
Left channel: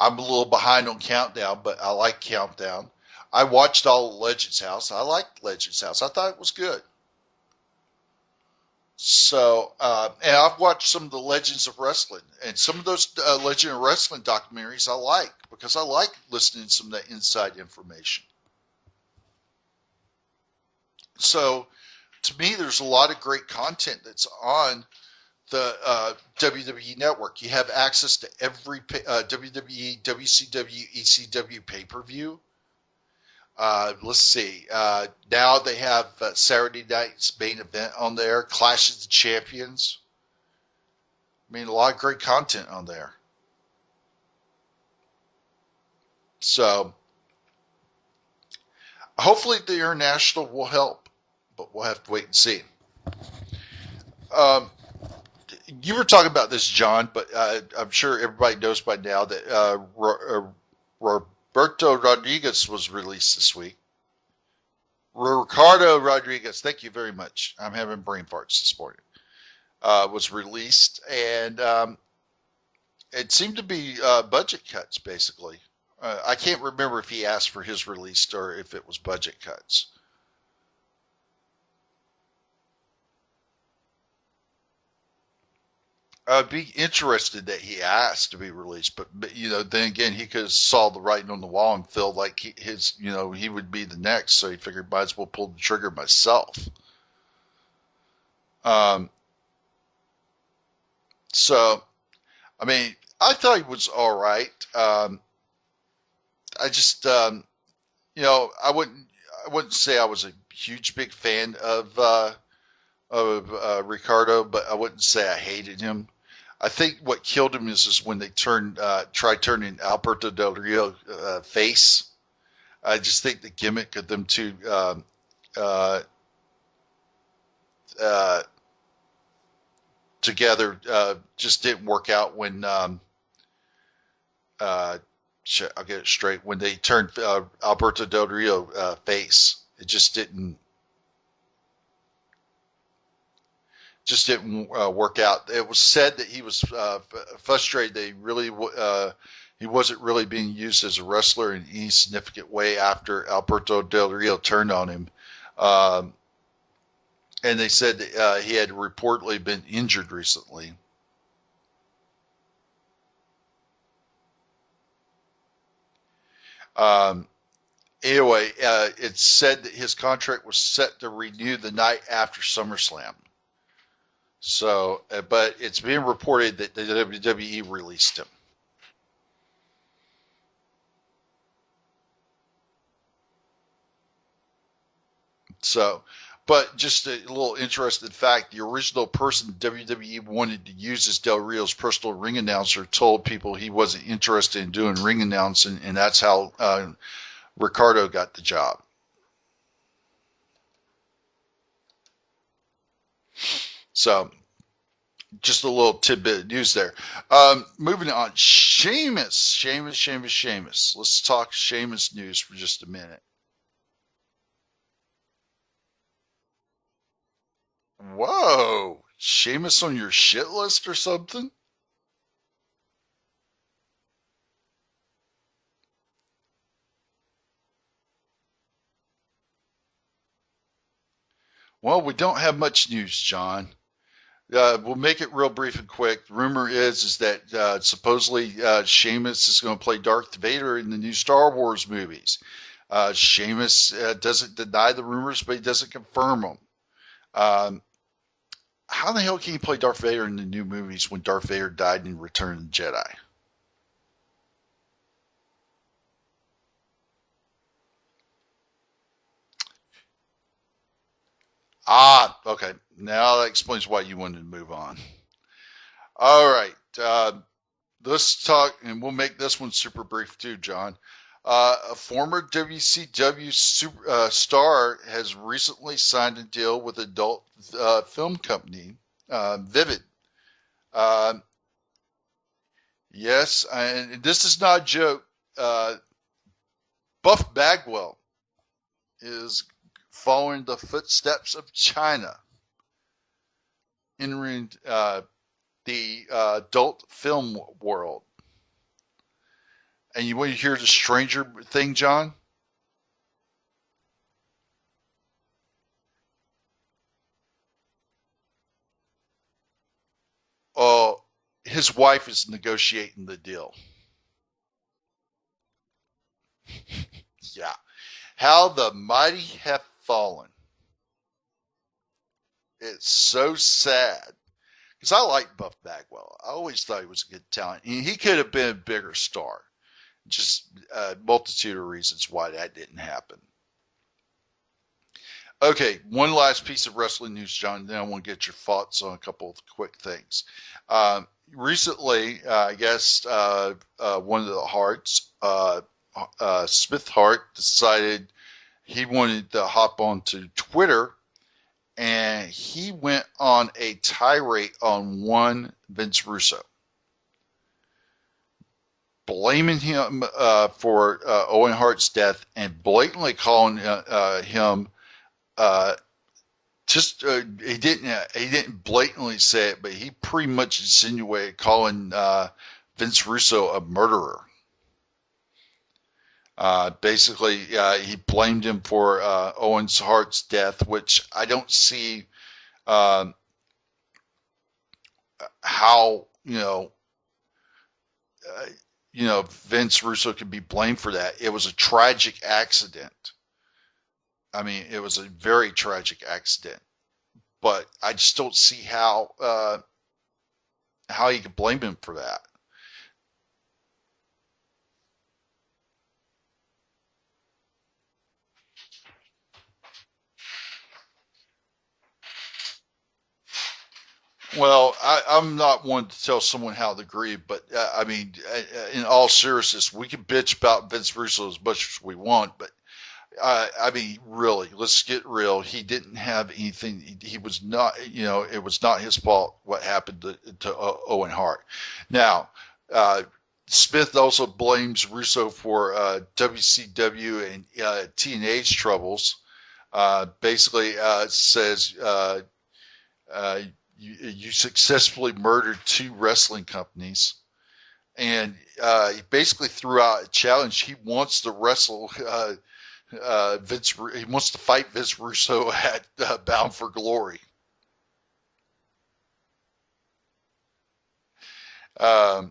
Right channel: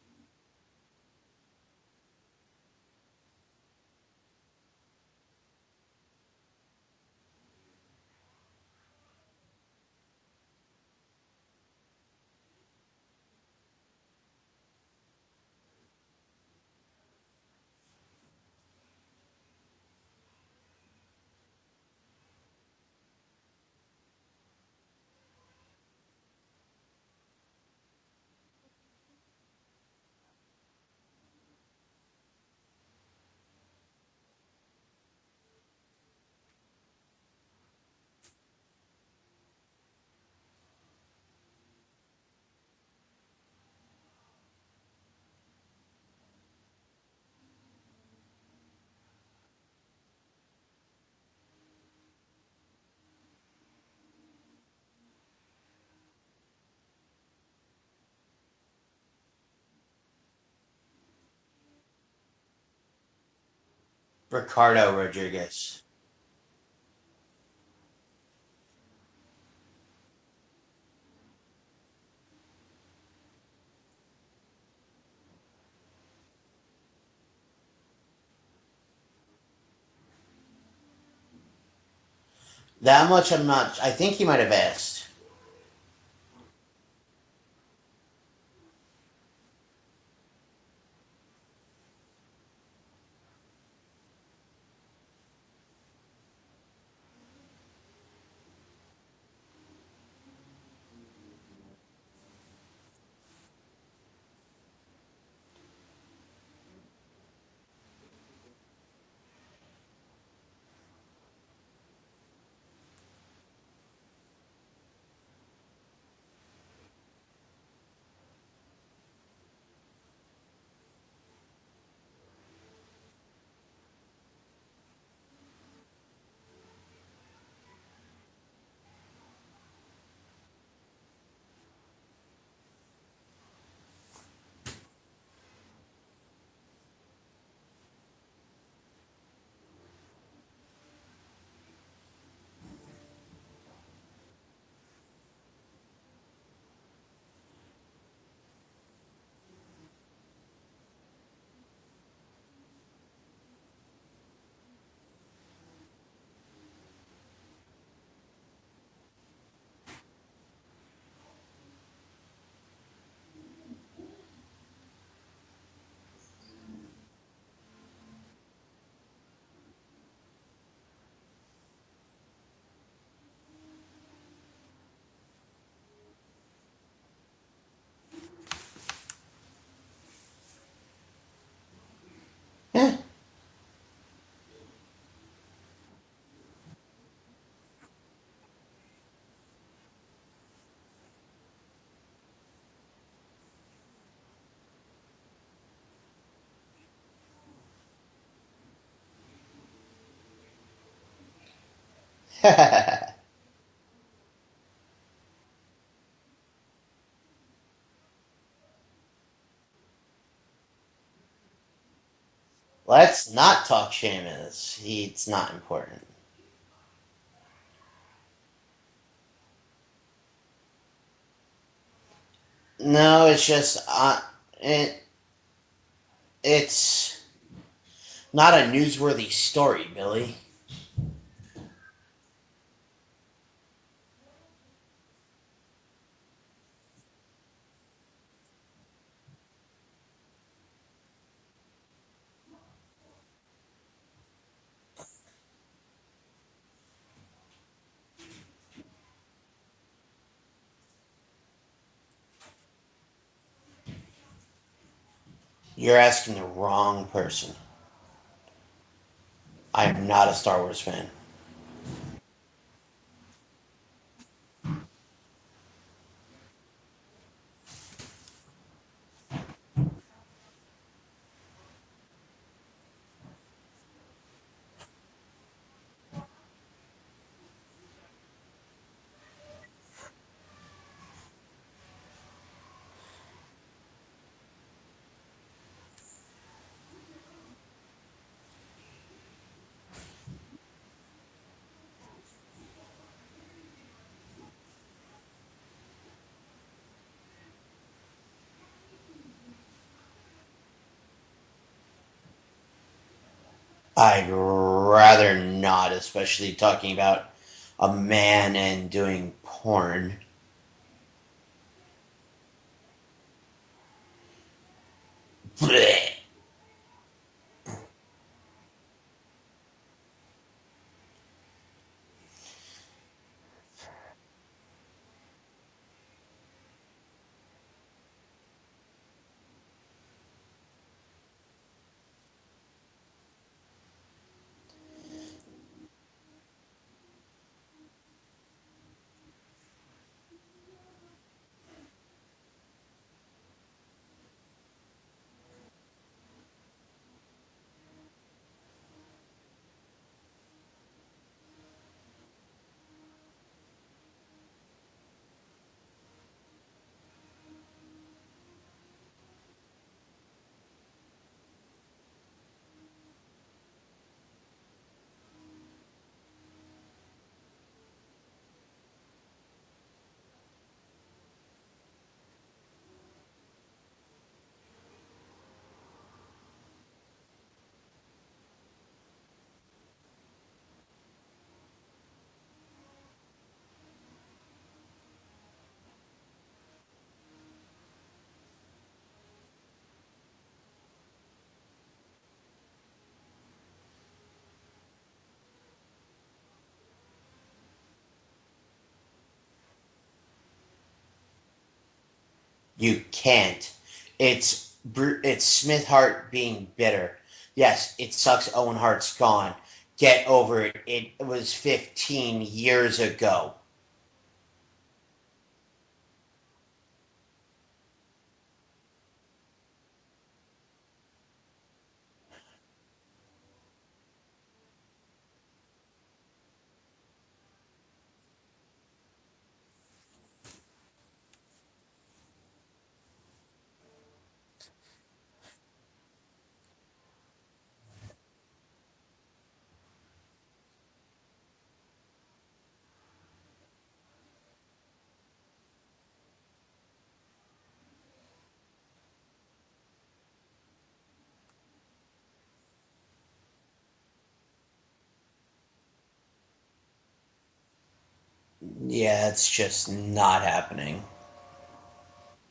a little behind on Countdown, but I like Countdown. I watched all of Legends House. I liked Legends House. I thought it was good. So, and I've watched some of the Legends of Wrestling, and some of those Legend of Wrestling documentaries I like because I like listening to some of that inside information. So, to me, there's a lot of great content that's on the WWE Network. You have access to every WWE, WCW, ECW pay-per-view. Let's see. Now they have Saturday night's Main Event on there, Clash of the Champions. I mean, a lot of great content on there. So hopefully the international will help, but we'll have to wait and see. Um, you were talking about this, John, but I'm sure everybody knows by now that Roberto Rodriguez was released this week. Ricardo Rodriguez. Ricardo Rodriguez, thank you very much. I'm having brain farts this morning. Was released, and it seemed to be budget cuts, basically. I can't remember if he asked for his release or if it was budget cuts. That much I'm not. I think he might have asked. I'd be interested that he asked to be released, but then again, he could have saw the writing on the wall and felt like he would be the next, so he figured might as well pull the trigger myself. Um, so, I mean, I thought he was all right. I just, I wouldn't say I was a huge big fan of Ricardo, but I wouldn't say I hated him. I think what killed him is when they tried turning Alberto Del Rio face. I just think the gimmick of them two uh, uh, together just didn't work out when I'll get it straight. When they turned Alberto Del Rio face, it just didn't work out. It was said that he was frustrated that he wasn't really being used as a wrestler in any significant way after Alberto Del Rio turned on him. Um, and they said that, he had reportedly been injured recently. Um, anyway, it's said that his contract was set to renew the night after SummerSlam. So, but it's being reported that the WWE released him. Yeah. So, but just a little interesting fact, the original person WWE wanted to use as Del Rio's personal ring announcer told people he wasn't interested in doing ring announcing, and that's how Ricardo got the job. So, just a little tidbit of news there. Moving on, Sheamus. Let's talk Sheamus news for just a minute. Let's not talk Sheamus. It's not important. Whoa, Sheamus on your shit list or something? No, it's just it's not a newsworthy story, Billy. Well, we don't have much news, John. We'll make it real brief and quick. The rumor is that supposedly Sheamus is going to play Darth Vader in the new Star Wars movies. Sheamus doesn't deny the rumors, but he doesn't confirm them. Um, how the hell can he play Darth Vader in the new movies when Darth Vader died in Return of the Jedi? You're asking the wrong person. I am not a Star Wars fan. Ah, okay. Now that explains why you wanted to move on. All right. Let's talk, and we'll make this one super brief too, John. A former WCW star has recently signed a deal with adult film company, Vivid. Uh, yes, and this is not a joke. Uh, Buff Bagwell is following the footsteps of China, entering the adult film world. And you want to hear the stranger thing, John? I'd rather not, especially talking about a man and doing porn. Oh, his wife is negotiating the deal. Blech. Yeah. How the mighty have fallen. It's so sad. Because I like Buff Bagwell. I always thought he was a good talent. And he could have been a bigger star. Just a multitude of reasons why that didn't happen. Okay, one last piece of wrestling news, John. Then I want to get your thoughts on a couple of quick things. Recently, I guess one of the Harts, Smith Hart, decided he wanted to hop onto Twitter, and he went on a tirade on one Vince Russo, blaming him for Owen Hart's death and blatantly calling him he didn't blatantly say it, but he pretty much insinuated calling Vince Russo a murderer. Basically, he blamed him for Owen Hart's death, which I don't see um, how Vince Russo could be blamed for that. It was a tragic accident. I mean, it was a very tragic accident, but I just don't see how you could blame him for that. You can't. It's Smith Hart being bitter. Yes, it sucks Owen Hart's gone. Get over it. It was 15 years ago. Well, I'm not one to tell someone how to grieve, but I mean, in all seriousness, we can bitch about Vince Russo as much as we want, but I mean, really, let's get real. He didn't have anything. He was not, it was not his fault what happened to Owen Hart. Now, uh, Smith also blames Russo for WCW and TNA's troubles. Basically, says you successfully murdered 2 wrestling companies, and he basically threw out a challenge. He wants to wrestle Vince. He wants to fight Vince Russo at Bound for Glory. Yeah, it's just not happening. Um,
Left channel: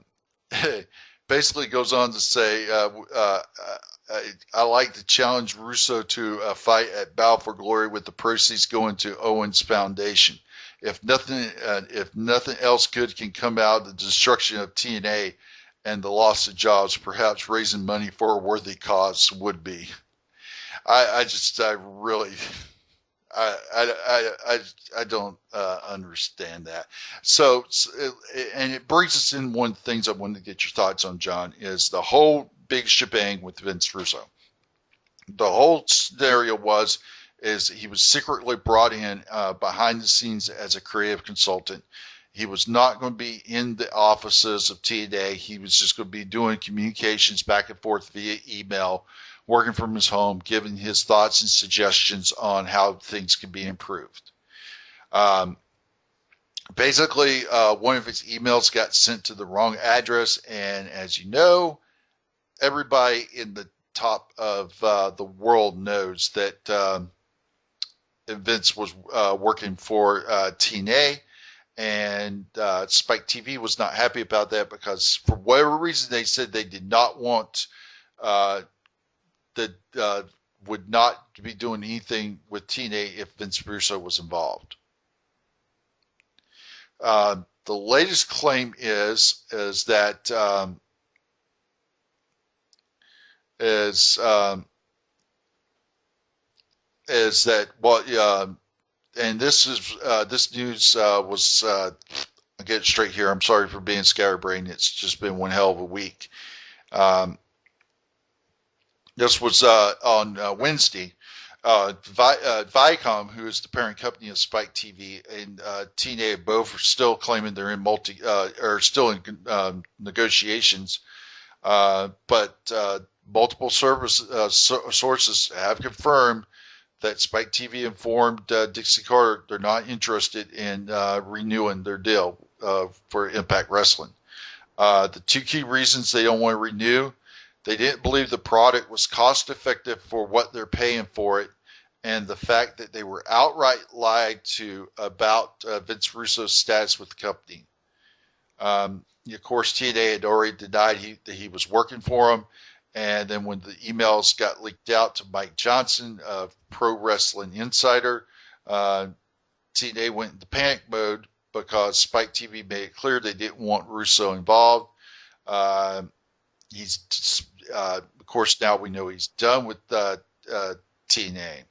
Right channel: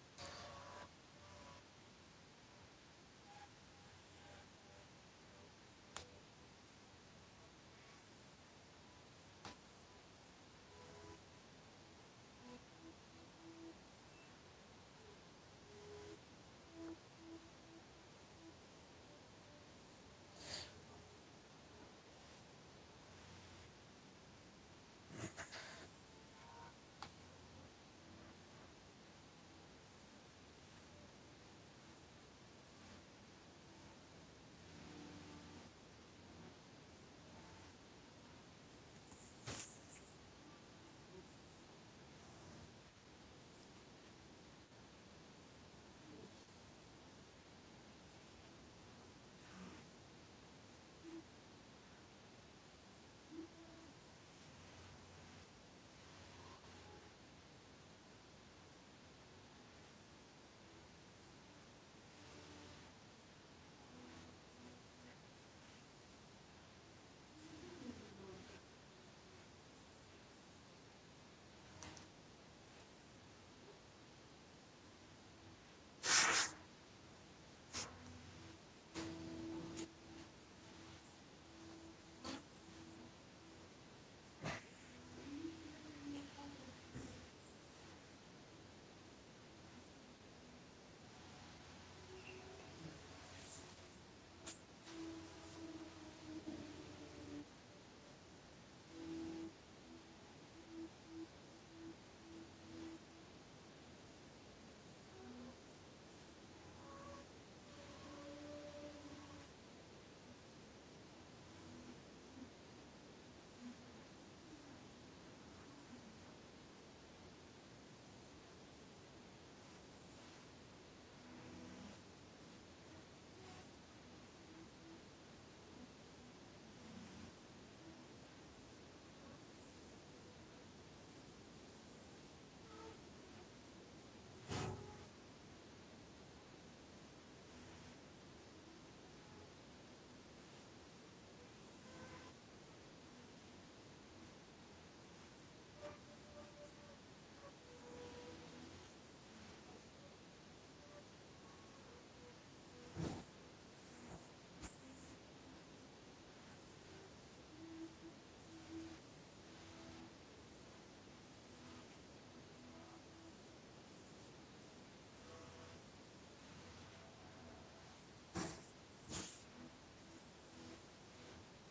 basically goes on to say, I like to challenge Russo to a fight at Bound for Glory with the proceeds going to Owen's Foundation. If nothing else good can come out of the destruction of TNA and the loss of jobs, perhaps raising money for a worthy cause would be. I really, I don't understand that. So, and it brings us in one of the things I wanted to get your thoughts on, John, is the whole big shebang with Vince Russo. The whole scenario is he was secretly brought in behind the scenes as a creative consultant. He was not going to be in the offices of TNA. He was just going to be doing communications back and forth via email, working from his home, giving his thoughts and suggestions on how things can be improved. Um, Basically, one of his emails got sent to the wrong address, and as you know, everybody in the top of the world knows that Vince was working for TNA, and Spike TV was not happy about that because, for whatever reason, they said they did not want that would not be doing anything with TNA if Vince Russo was involved. The latest claim is that is is that well, and this news was I'll get it straight here. I'm sorry for being scatterbrained. It's just been one hell of a week. Um, this was on Wednesday. Viacom, who is the parent company of Spike TV, and TNA both are still claiming they're in still in negotiations. But multiple sources have confirmed that Spike TV informed Dixie Carter they're not interested in renewing their deal for Impact Wrestling. The 2 key reasons they don't want to renew: they didn't believe the product was cost effective for what they're paying for it, and the fact that they were outright lied to about Vince Russo's status with the company. Of course, TNA had already denied that he was working for him, and then when the emails got leaked out to Mike Johnson of Pro Wrestling Insider, TNA went into panic mode because Spike TV made it clear they didn't want Russo involved. He's, of course, now we know he's done with TNA.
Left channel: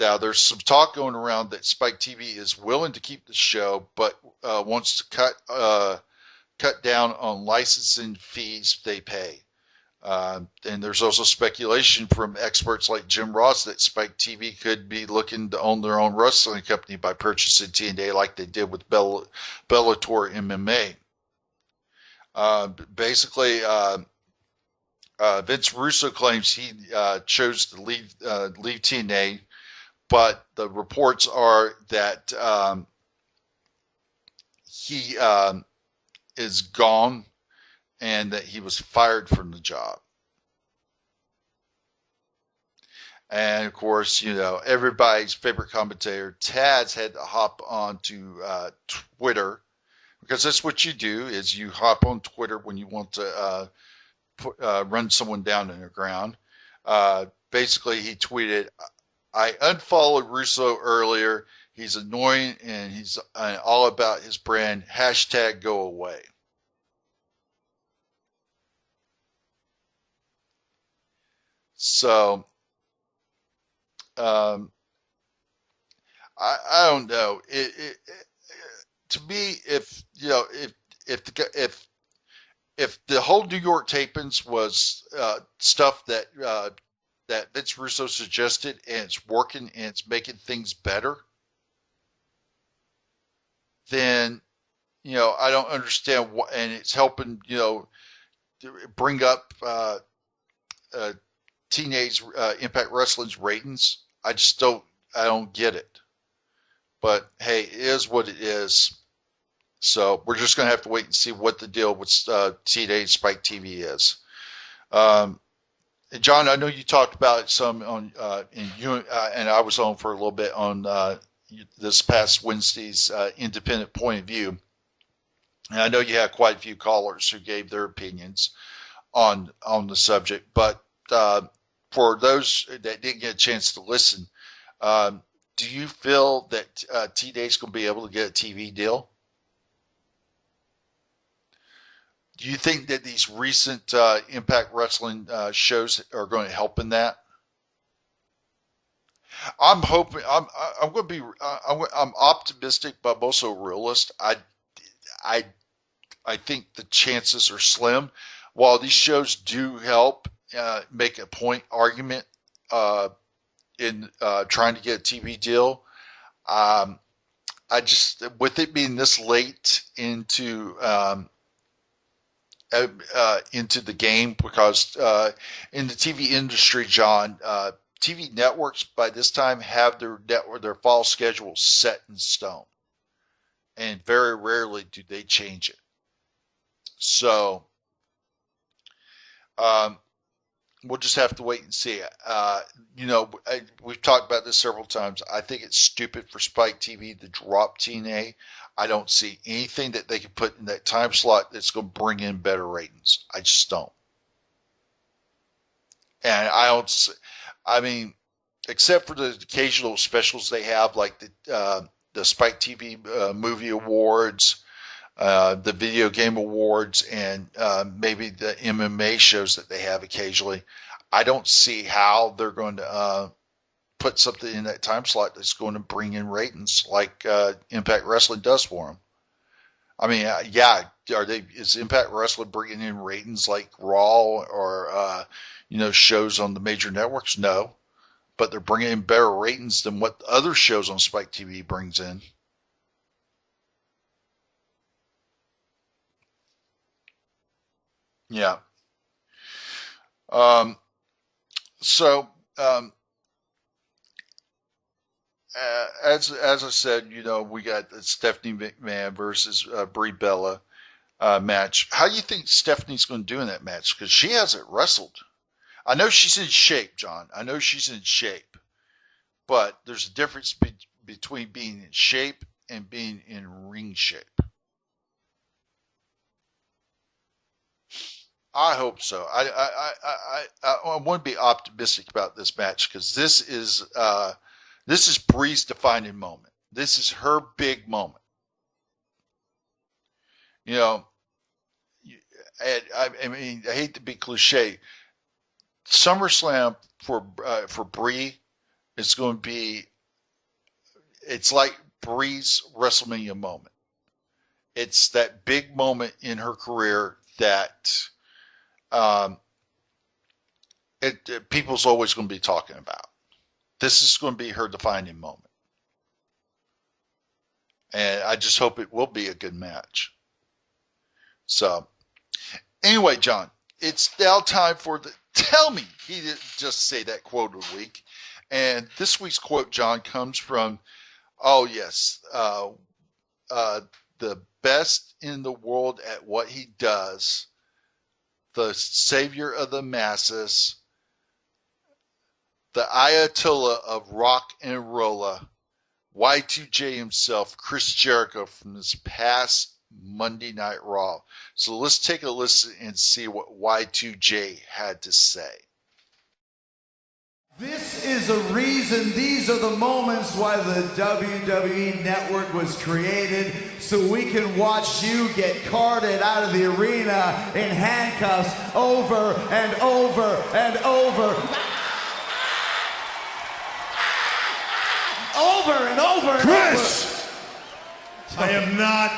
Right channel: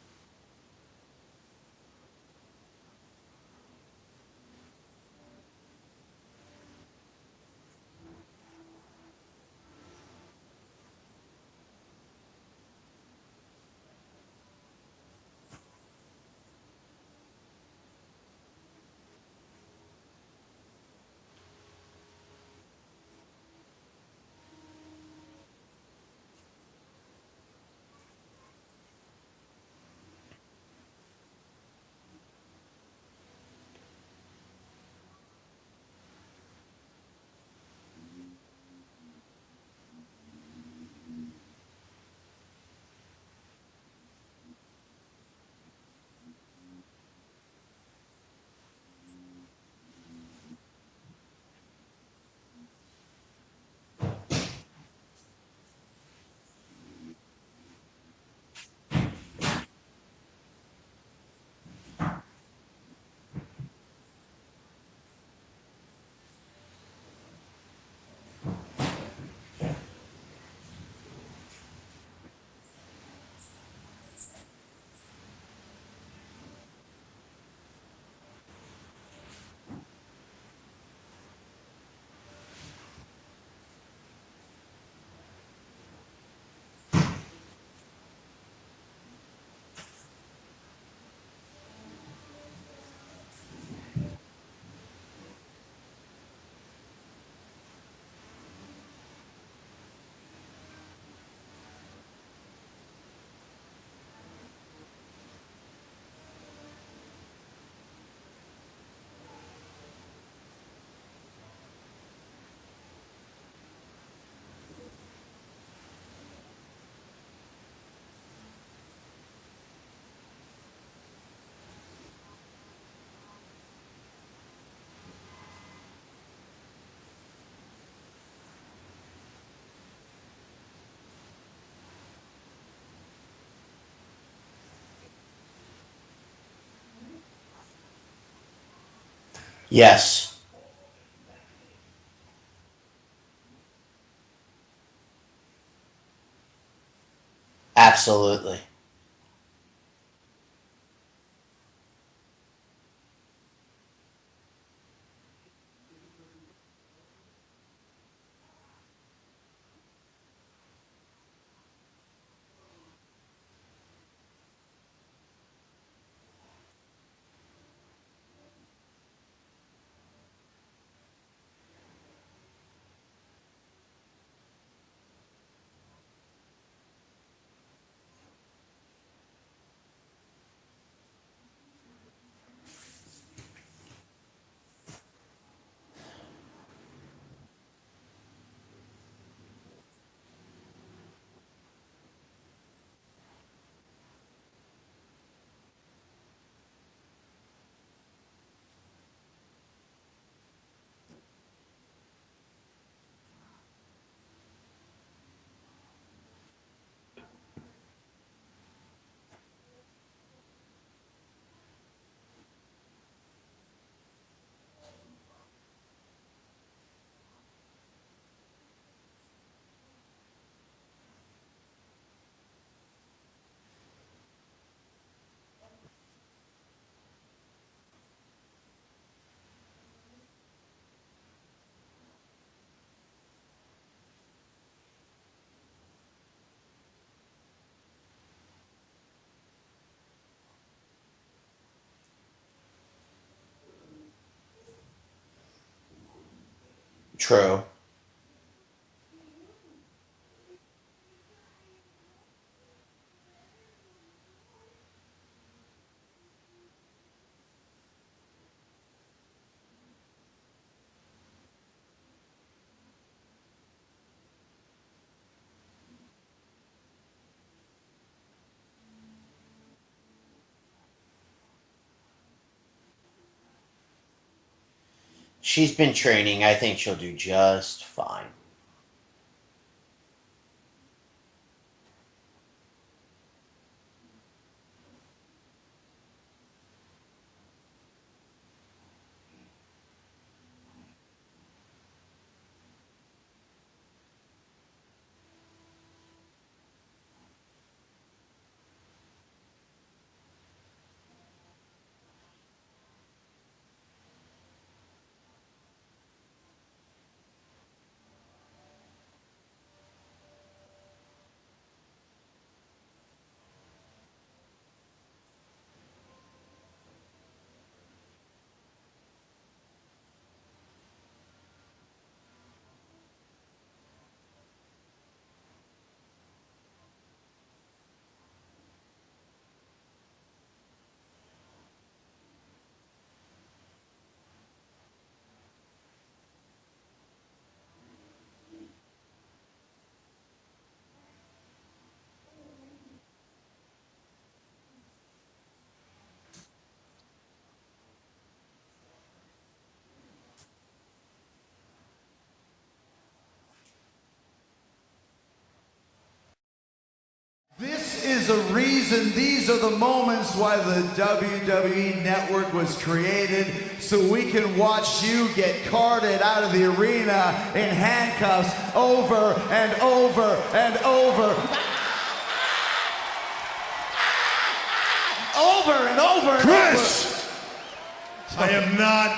Now, there's some talk going around that Spike TV is willing to keep the show, but wants to cut down on licensing fees they pay. And there's also speculation from experts like Jim Ross that Spike TV could be looking to own their own wrestling company by purchasing TNA like they did with Bellator MMA. Basically, Vince Russo claims he chose to leave TNA, but the reports are that he is gone and that he was fired from the job. And of course, everybody's favorite commentator, Taz, had to hop onto Twitter, because that's what you do, is you hop on Twitter when you want to run someone down in the ground. Basically, he tweeted, "I unfollowed Russo earlier. He's annoying and he's all about his brand. Hashtag go away." So, um, I don't know. To me, if the whole New York tapings was stuff that Vince Russo suggested and it's working and it's making things better, then I don't understand what, and it's helping, bring up TNA's Impact Wrestling's ratings. I don't get it. But hey, it is what it is. So we're just going to have to wait and see what the deal with TNA Spike TV is. John, I know you talked about it some on, and I was on for a little bit on this past Wednesday's independent point of view. And I know you had quite a few callers who gave their opinions on the subject. But for those that didn't get a chance to listen, do you feel that TNA's going to be able to get a TV deal? Yes. Do you think that these recent Impact Wrestling shows are going to help in that? Absolutely. I'm hoping. I'm going to be. I'm optimistic, but I'm also a realist. I think the chances are slim. While these shows do help make a point argument in trying to get a TV deal, I just, with it being this late into the game, because in the TV industry, John, TV networks by this time have their fall schedule set in stone, and very rarely do they change it. So we'll just have to wait and see. We've talked about this several times. I think it's stupid for Spike TV to drop TNA. I don't see anything that they can put in that time slot that's going to bring in better ratings. I just don't. And I mean, except for the occasional specials they have, like the Spike TV movie awards, the video game awards, and maybe the MMA shows that they have occasionally, I don't see how they're going to put something in that time slot that's going to bring in ratings like Impact Wrestling does for them. I mean, is Impact Wrestling bringing in ratings like Raw or shows on the major networks? No, but they're bringing in better ratings than what other shows on Spike TV brings in. True. Yeah. As I said, we got the Stephanie McMahon versus Brie Bella match. How do you think Stephanie's going to do in that match? Because she hasn't wrestled. I know she's in shape, John. I know she's in shape. But there's a difference between being in shape and being in ring shape. She's been training. I think she'll do just fine. I hope so. I want to be optimistic about this match, because this is Brie's defining moment. This is her big moment. And I mean, I hate to be cliche. SummerSlam for Brie is going to be. It's like Brie's WrestleMania moment. It's that big moment in her career that people's always going to be talking about. This is going to be her defining moment. And I just hope it will be a good match. So, anyway, John, it's now time for the tell me. He didn't just say that quote of the week. And this week's quote, John, comes from, the best in the world at what he does, the savior of the masses, the Ayatollah of rock and rolla, Y2J himself, Chris Jericho, from this past Monday Night Raw. So let's take a listen and see what Y2J had to say. This is a reason, these are the moments why the WWE Network was created, so we can watch you get carted out of the arena in handcuffs over and over and over. Over and over and Chris! I am not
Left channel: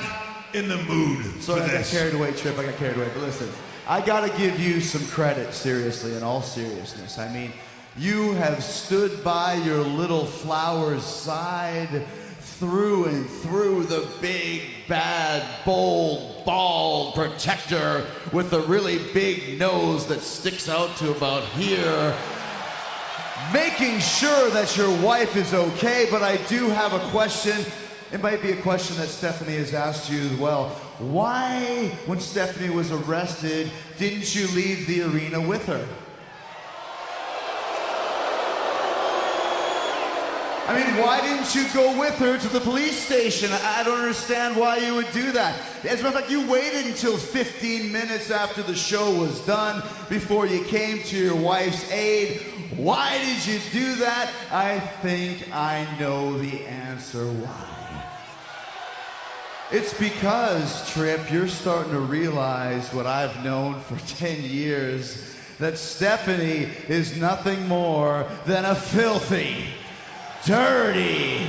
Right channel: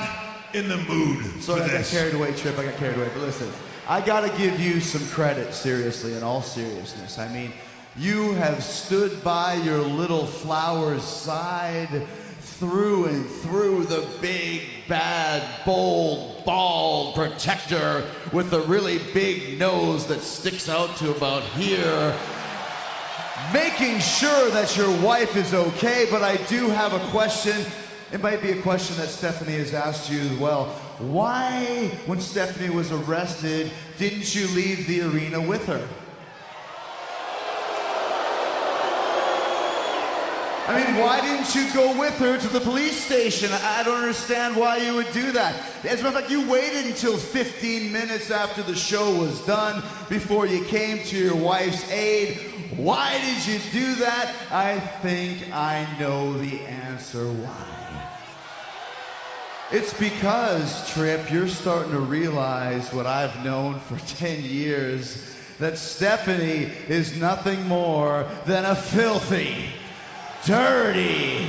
in the mood for I got this. carried away, Trip. I got carried away. But listen, I got to give you some credit, seriously, in all seriousness. I mean, you have stood by your little flower's side through and through the big bad, bold, bald protector with a really big nose that sticks out to about here. Making sure that your wife is okay, but I do have a question. It might be a question that Stephanie has asked you as well. Why, when Stephanie was arrested, didn't you leave the arena with her? I mean, why didn't you go with her to the police station? I don't understand why you would do that. As a matter of fact, you waited until 15 minutes after the show was done before you came to your wife's aid. Why did you do that? I think I know the answer why. It's because, Tripp, you're starting to realize what I've known for 10 years, that Stephanie is nothing more than a filthy, dirty,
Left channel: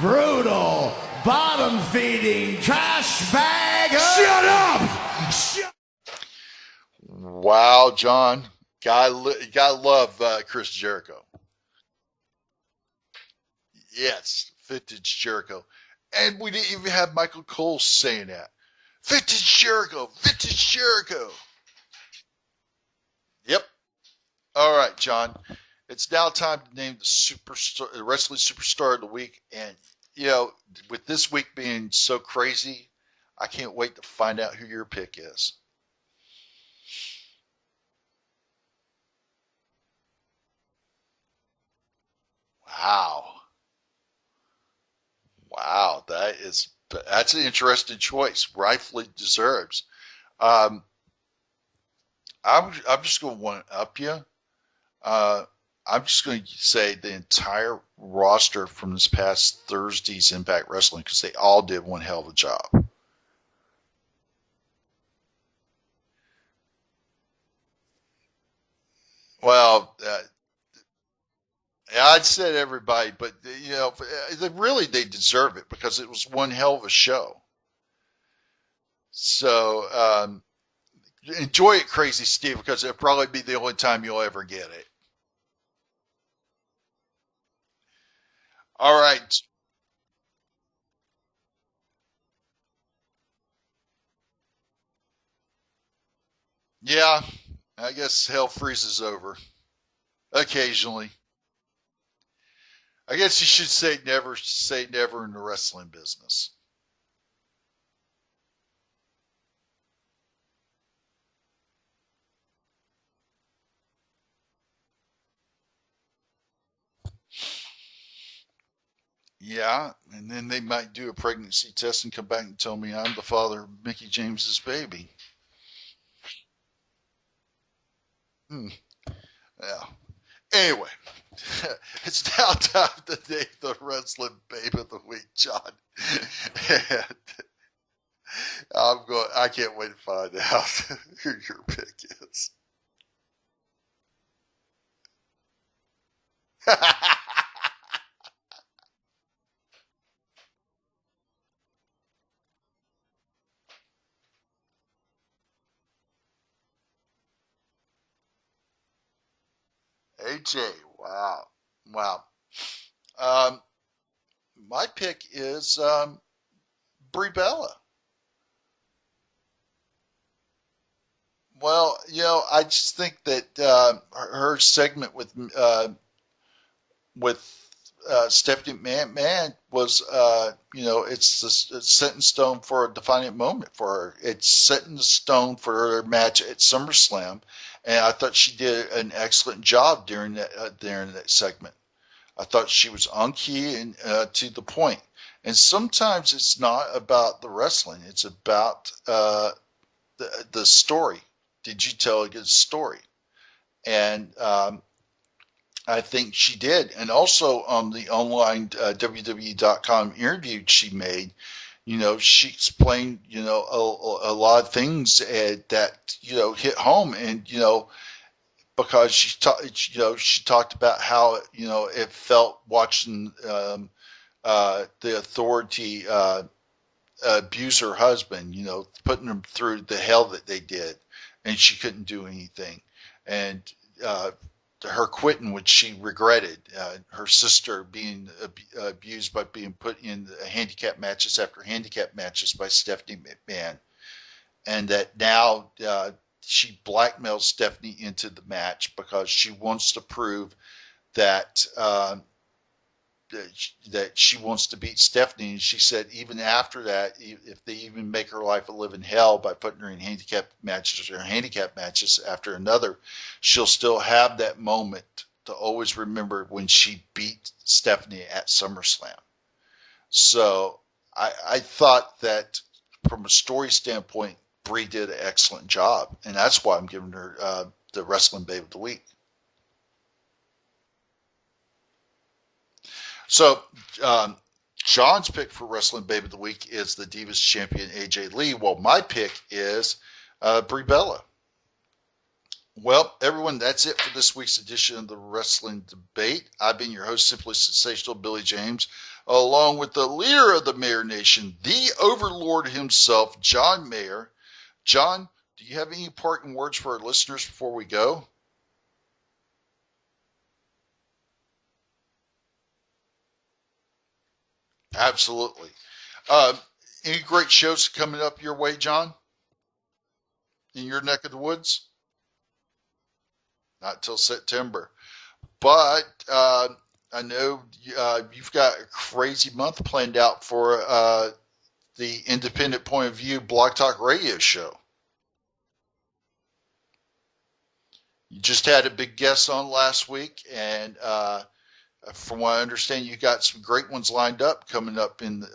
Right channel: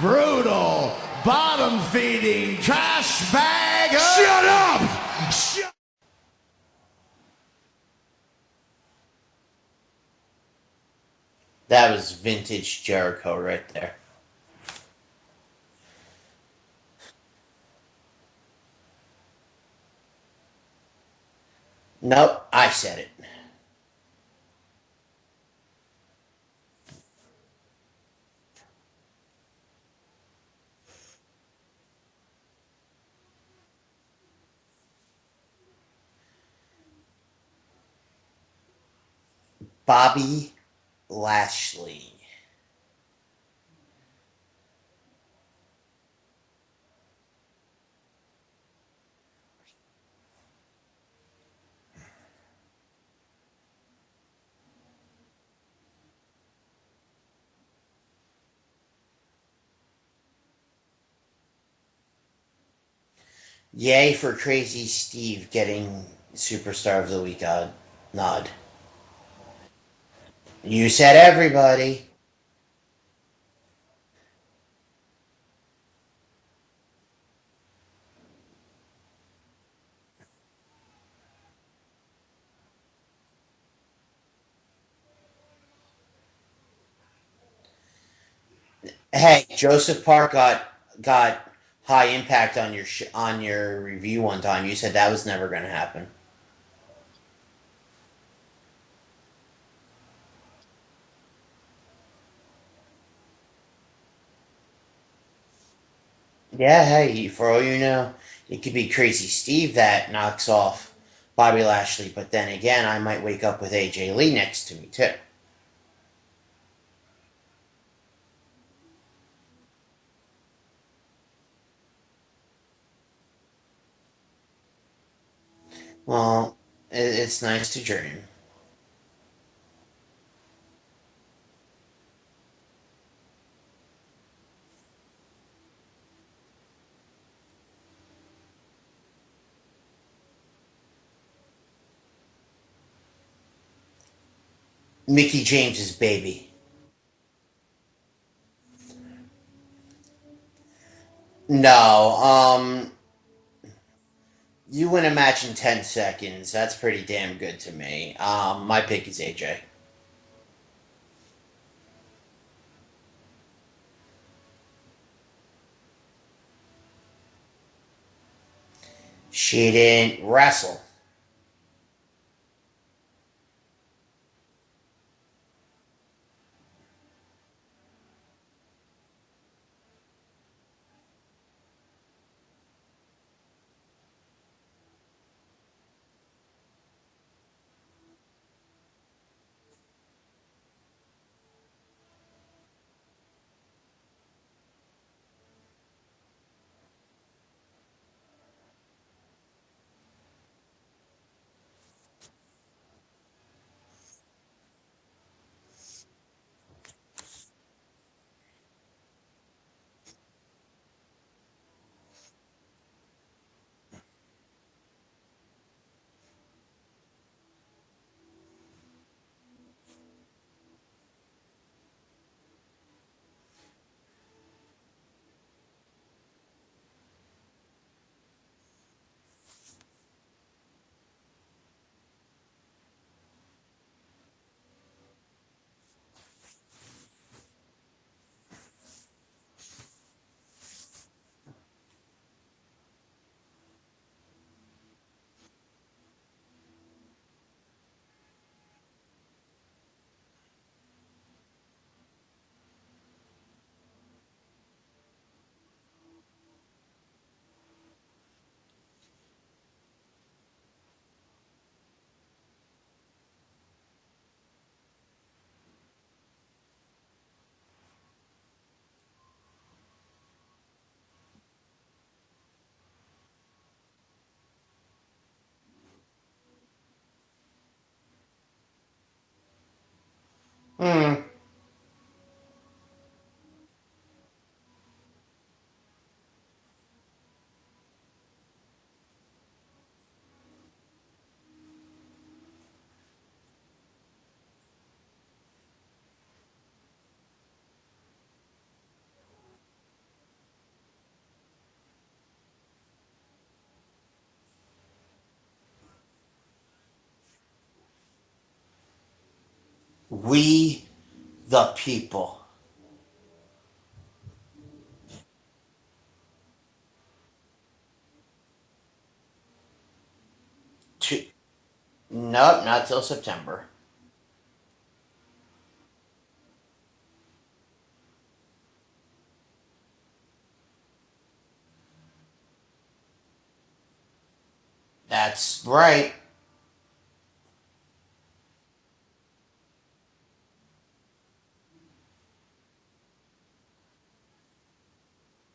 brutal, bottom-feeding trash bag. Shut up! Shut. Wow, John. Gotta love Chris Jericho. That was vintage Jericho right there. Yes, vintage Jericho. And we didn't even have Michael Cole saying that. Vintage Jericho, vintage Jericho. Nope, I said it. Yep. All right, John. It's now time to name the wrestling superstar of the week. And, you know, with this week being so crazy, I can't wait to find out who your pick is. Bobby Lashley. Wow. Wow, that's an interesting choice. Rightfully deserves. I'm just going to one up you. I'm just going to say the entire roster from this past Thursday's Impact Wrestling, because they all did one hell of a job. Yay for Crazy Steve getting Superstar of the Week nod. Well, You said everybody. yeah, I'd said everybody, but you know, they deserve it because it was one hell of a show. So enjoy it, Crazy Steve, because it'll probably be the only time you'll ever get it. All right. Hey, Joseph Park got high impact on your review one time. You said that was never going to happen. Yeah, I guess hell freezes over occasionally. I guess you should say never in the wrestling business. Yeah, hey, for all you know, it could be Crazy Steve that knocks off Bobby Lashley, but then again, I might wake up with AJ Lee next to me too. Yeah, and then they might do a pregnancy test and come back and tell me I'm the father of Mickey James's baby. Well, it's nice to dream. Yeah. Anyway, it's now time to name the wrestling babe of the week, John. And I can't wait to find out who your pick is. Mickey James's baby. No, you win a match in 10 seconds. That's pretty damn good to me. My pick is AJ. AJ, wow. My pick is Brie Bella. She didn't wrestle. Well, you know, I just think that her segment with Stephanie McMahon was, you know, it's set in stone for a defining moment for her. It's set in stone for her match at SummerSlam, and I thought she did an excellent job during that segment. I thought she was on key and to the point. And sometimes it's not about the wrestling; it's about the story. Did you tell a good story? And I think she did. And also on the online WWE.com interview she made, you know, she explained, you know, a lot of things that, you know, hit home. And, you know, because she talked about how, you know, it felt watching the authority abuse her husband, you know, putting him through the hell that they did, and she couldn't do anything. And her quitting, which she regretted. Her sister being abused by being put in handicap matches after handicap matches by Stephanie McMahon, and that now she blackmails Stephanie into the match because she wants to prove that that she wants to beat Stephanie. And she said even after that, if they even make her life a living hell by putting her in handicap matches after another, she'll still have that moment to always remember when she beat Stephanie at SummerSlam. So I thought that from a story standpoint, Brie did an excellent job, and that's why I'm giving her the Wrestling Babe of the Week. So, John's pick for Wrestling Babe of the Week is the Divas Champion AJ Lee, while my pick is Brie Bella. Well, everyone, that's it for this week's edition of the Wrestling Debate. I've been your host, Simply Sensational Billy James, along with the leader of the Mayor Nation, the Overlord himself, John Mayer. John, do you have any parting words for our listeners before we go? We, the people. Absolutely. Any great shows coming up your way, John? In your neck of the woods? Nope, not till September. Not till September. But I know you've got a crazy month planned out for the Independent Point of View Blog Talk Radio show. That's right. You just had a big guest on last week, and from what I understand, you got some great ones lined up coming up in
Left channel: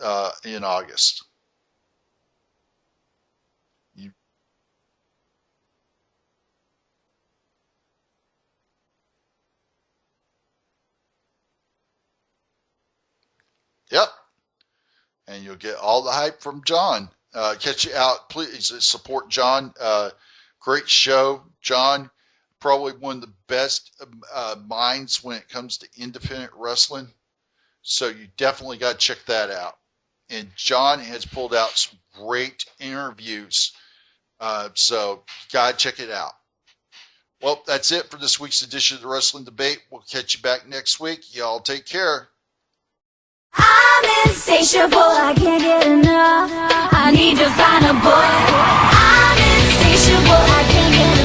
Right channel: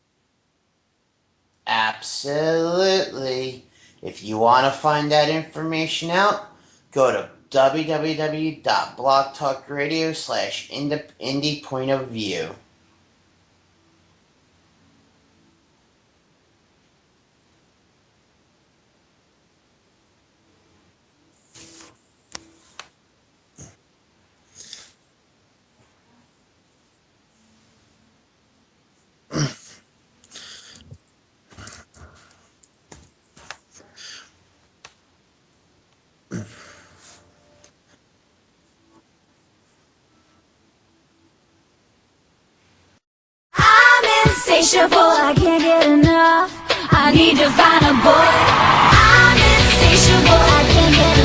August. Absolutely. If you want to find that information out, go to www.blogtalkradio/indie point of view. Yep. And you'll get all the hype from John. Catch you out. Please support John. Great show. John, probably one of the best minds when it comes to independent wrestling. So you definitely got to check that out. And John has pulled out some great interviews. So you got to check it out. Well, that's it for this week's edition of the Wrestling Debate. We'll catch you back next week. Y'all take care. I'm insatiable, I can't get enough. I need to find a boy. I'm insatiable, I can't get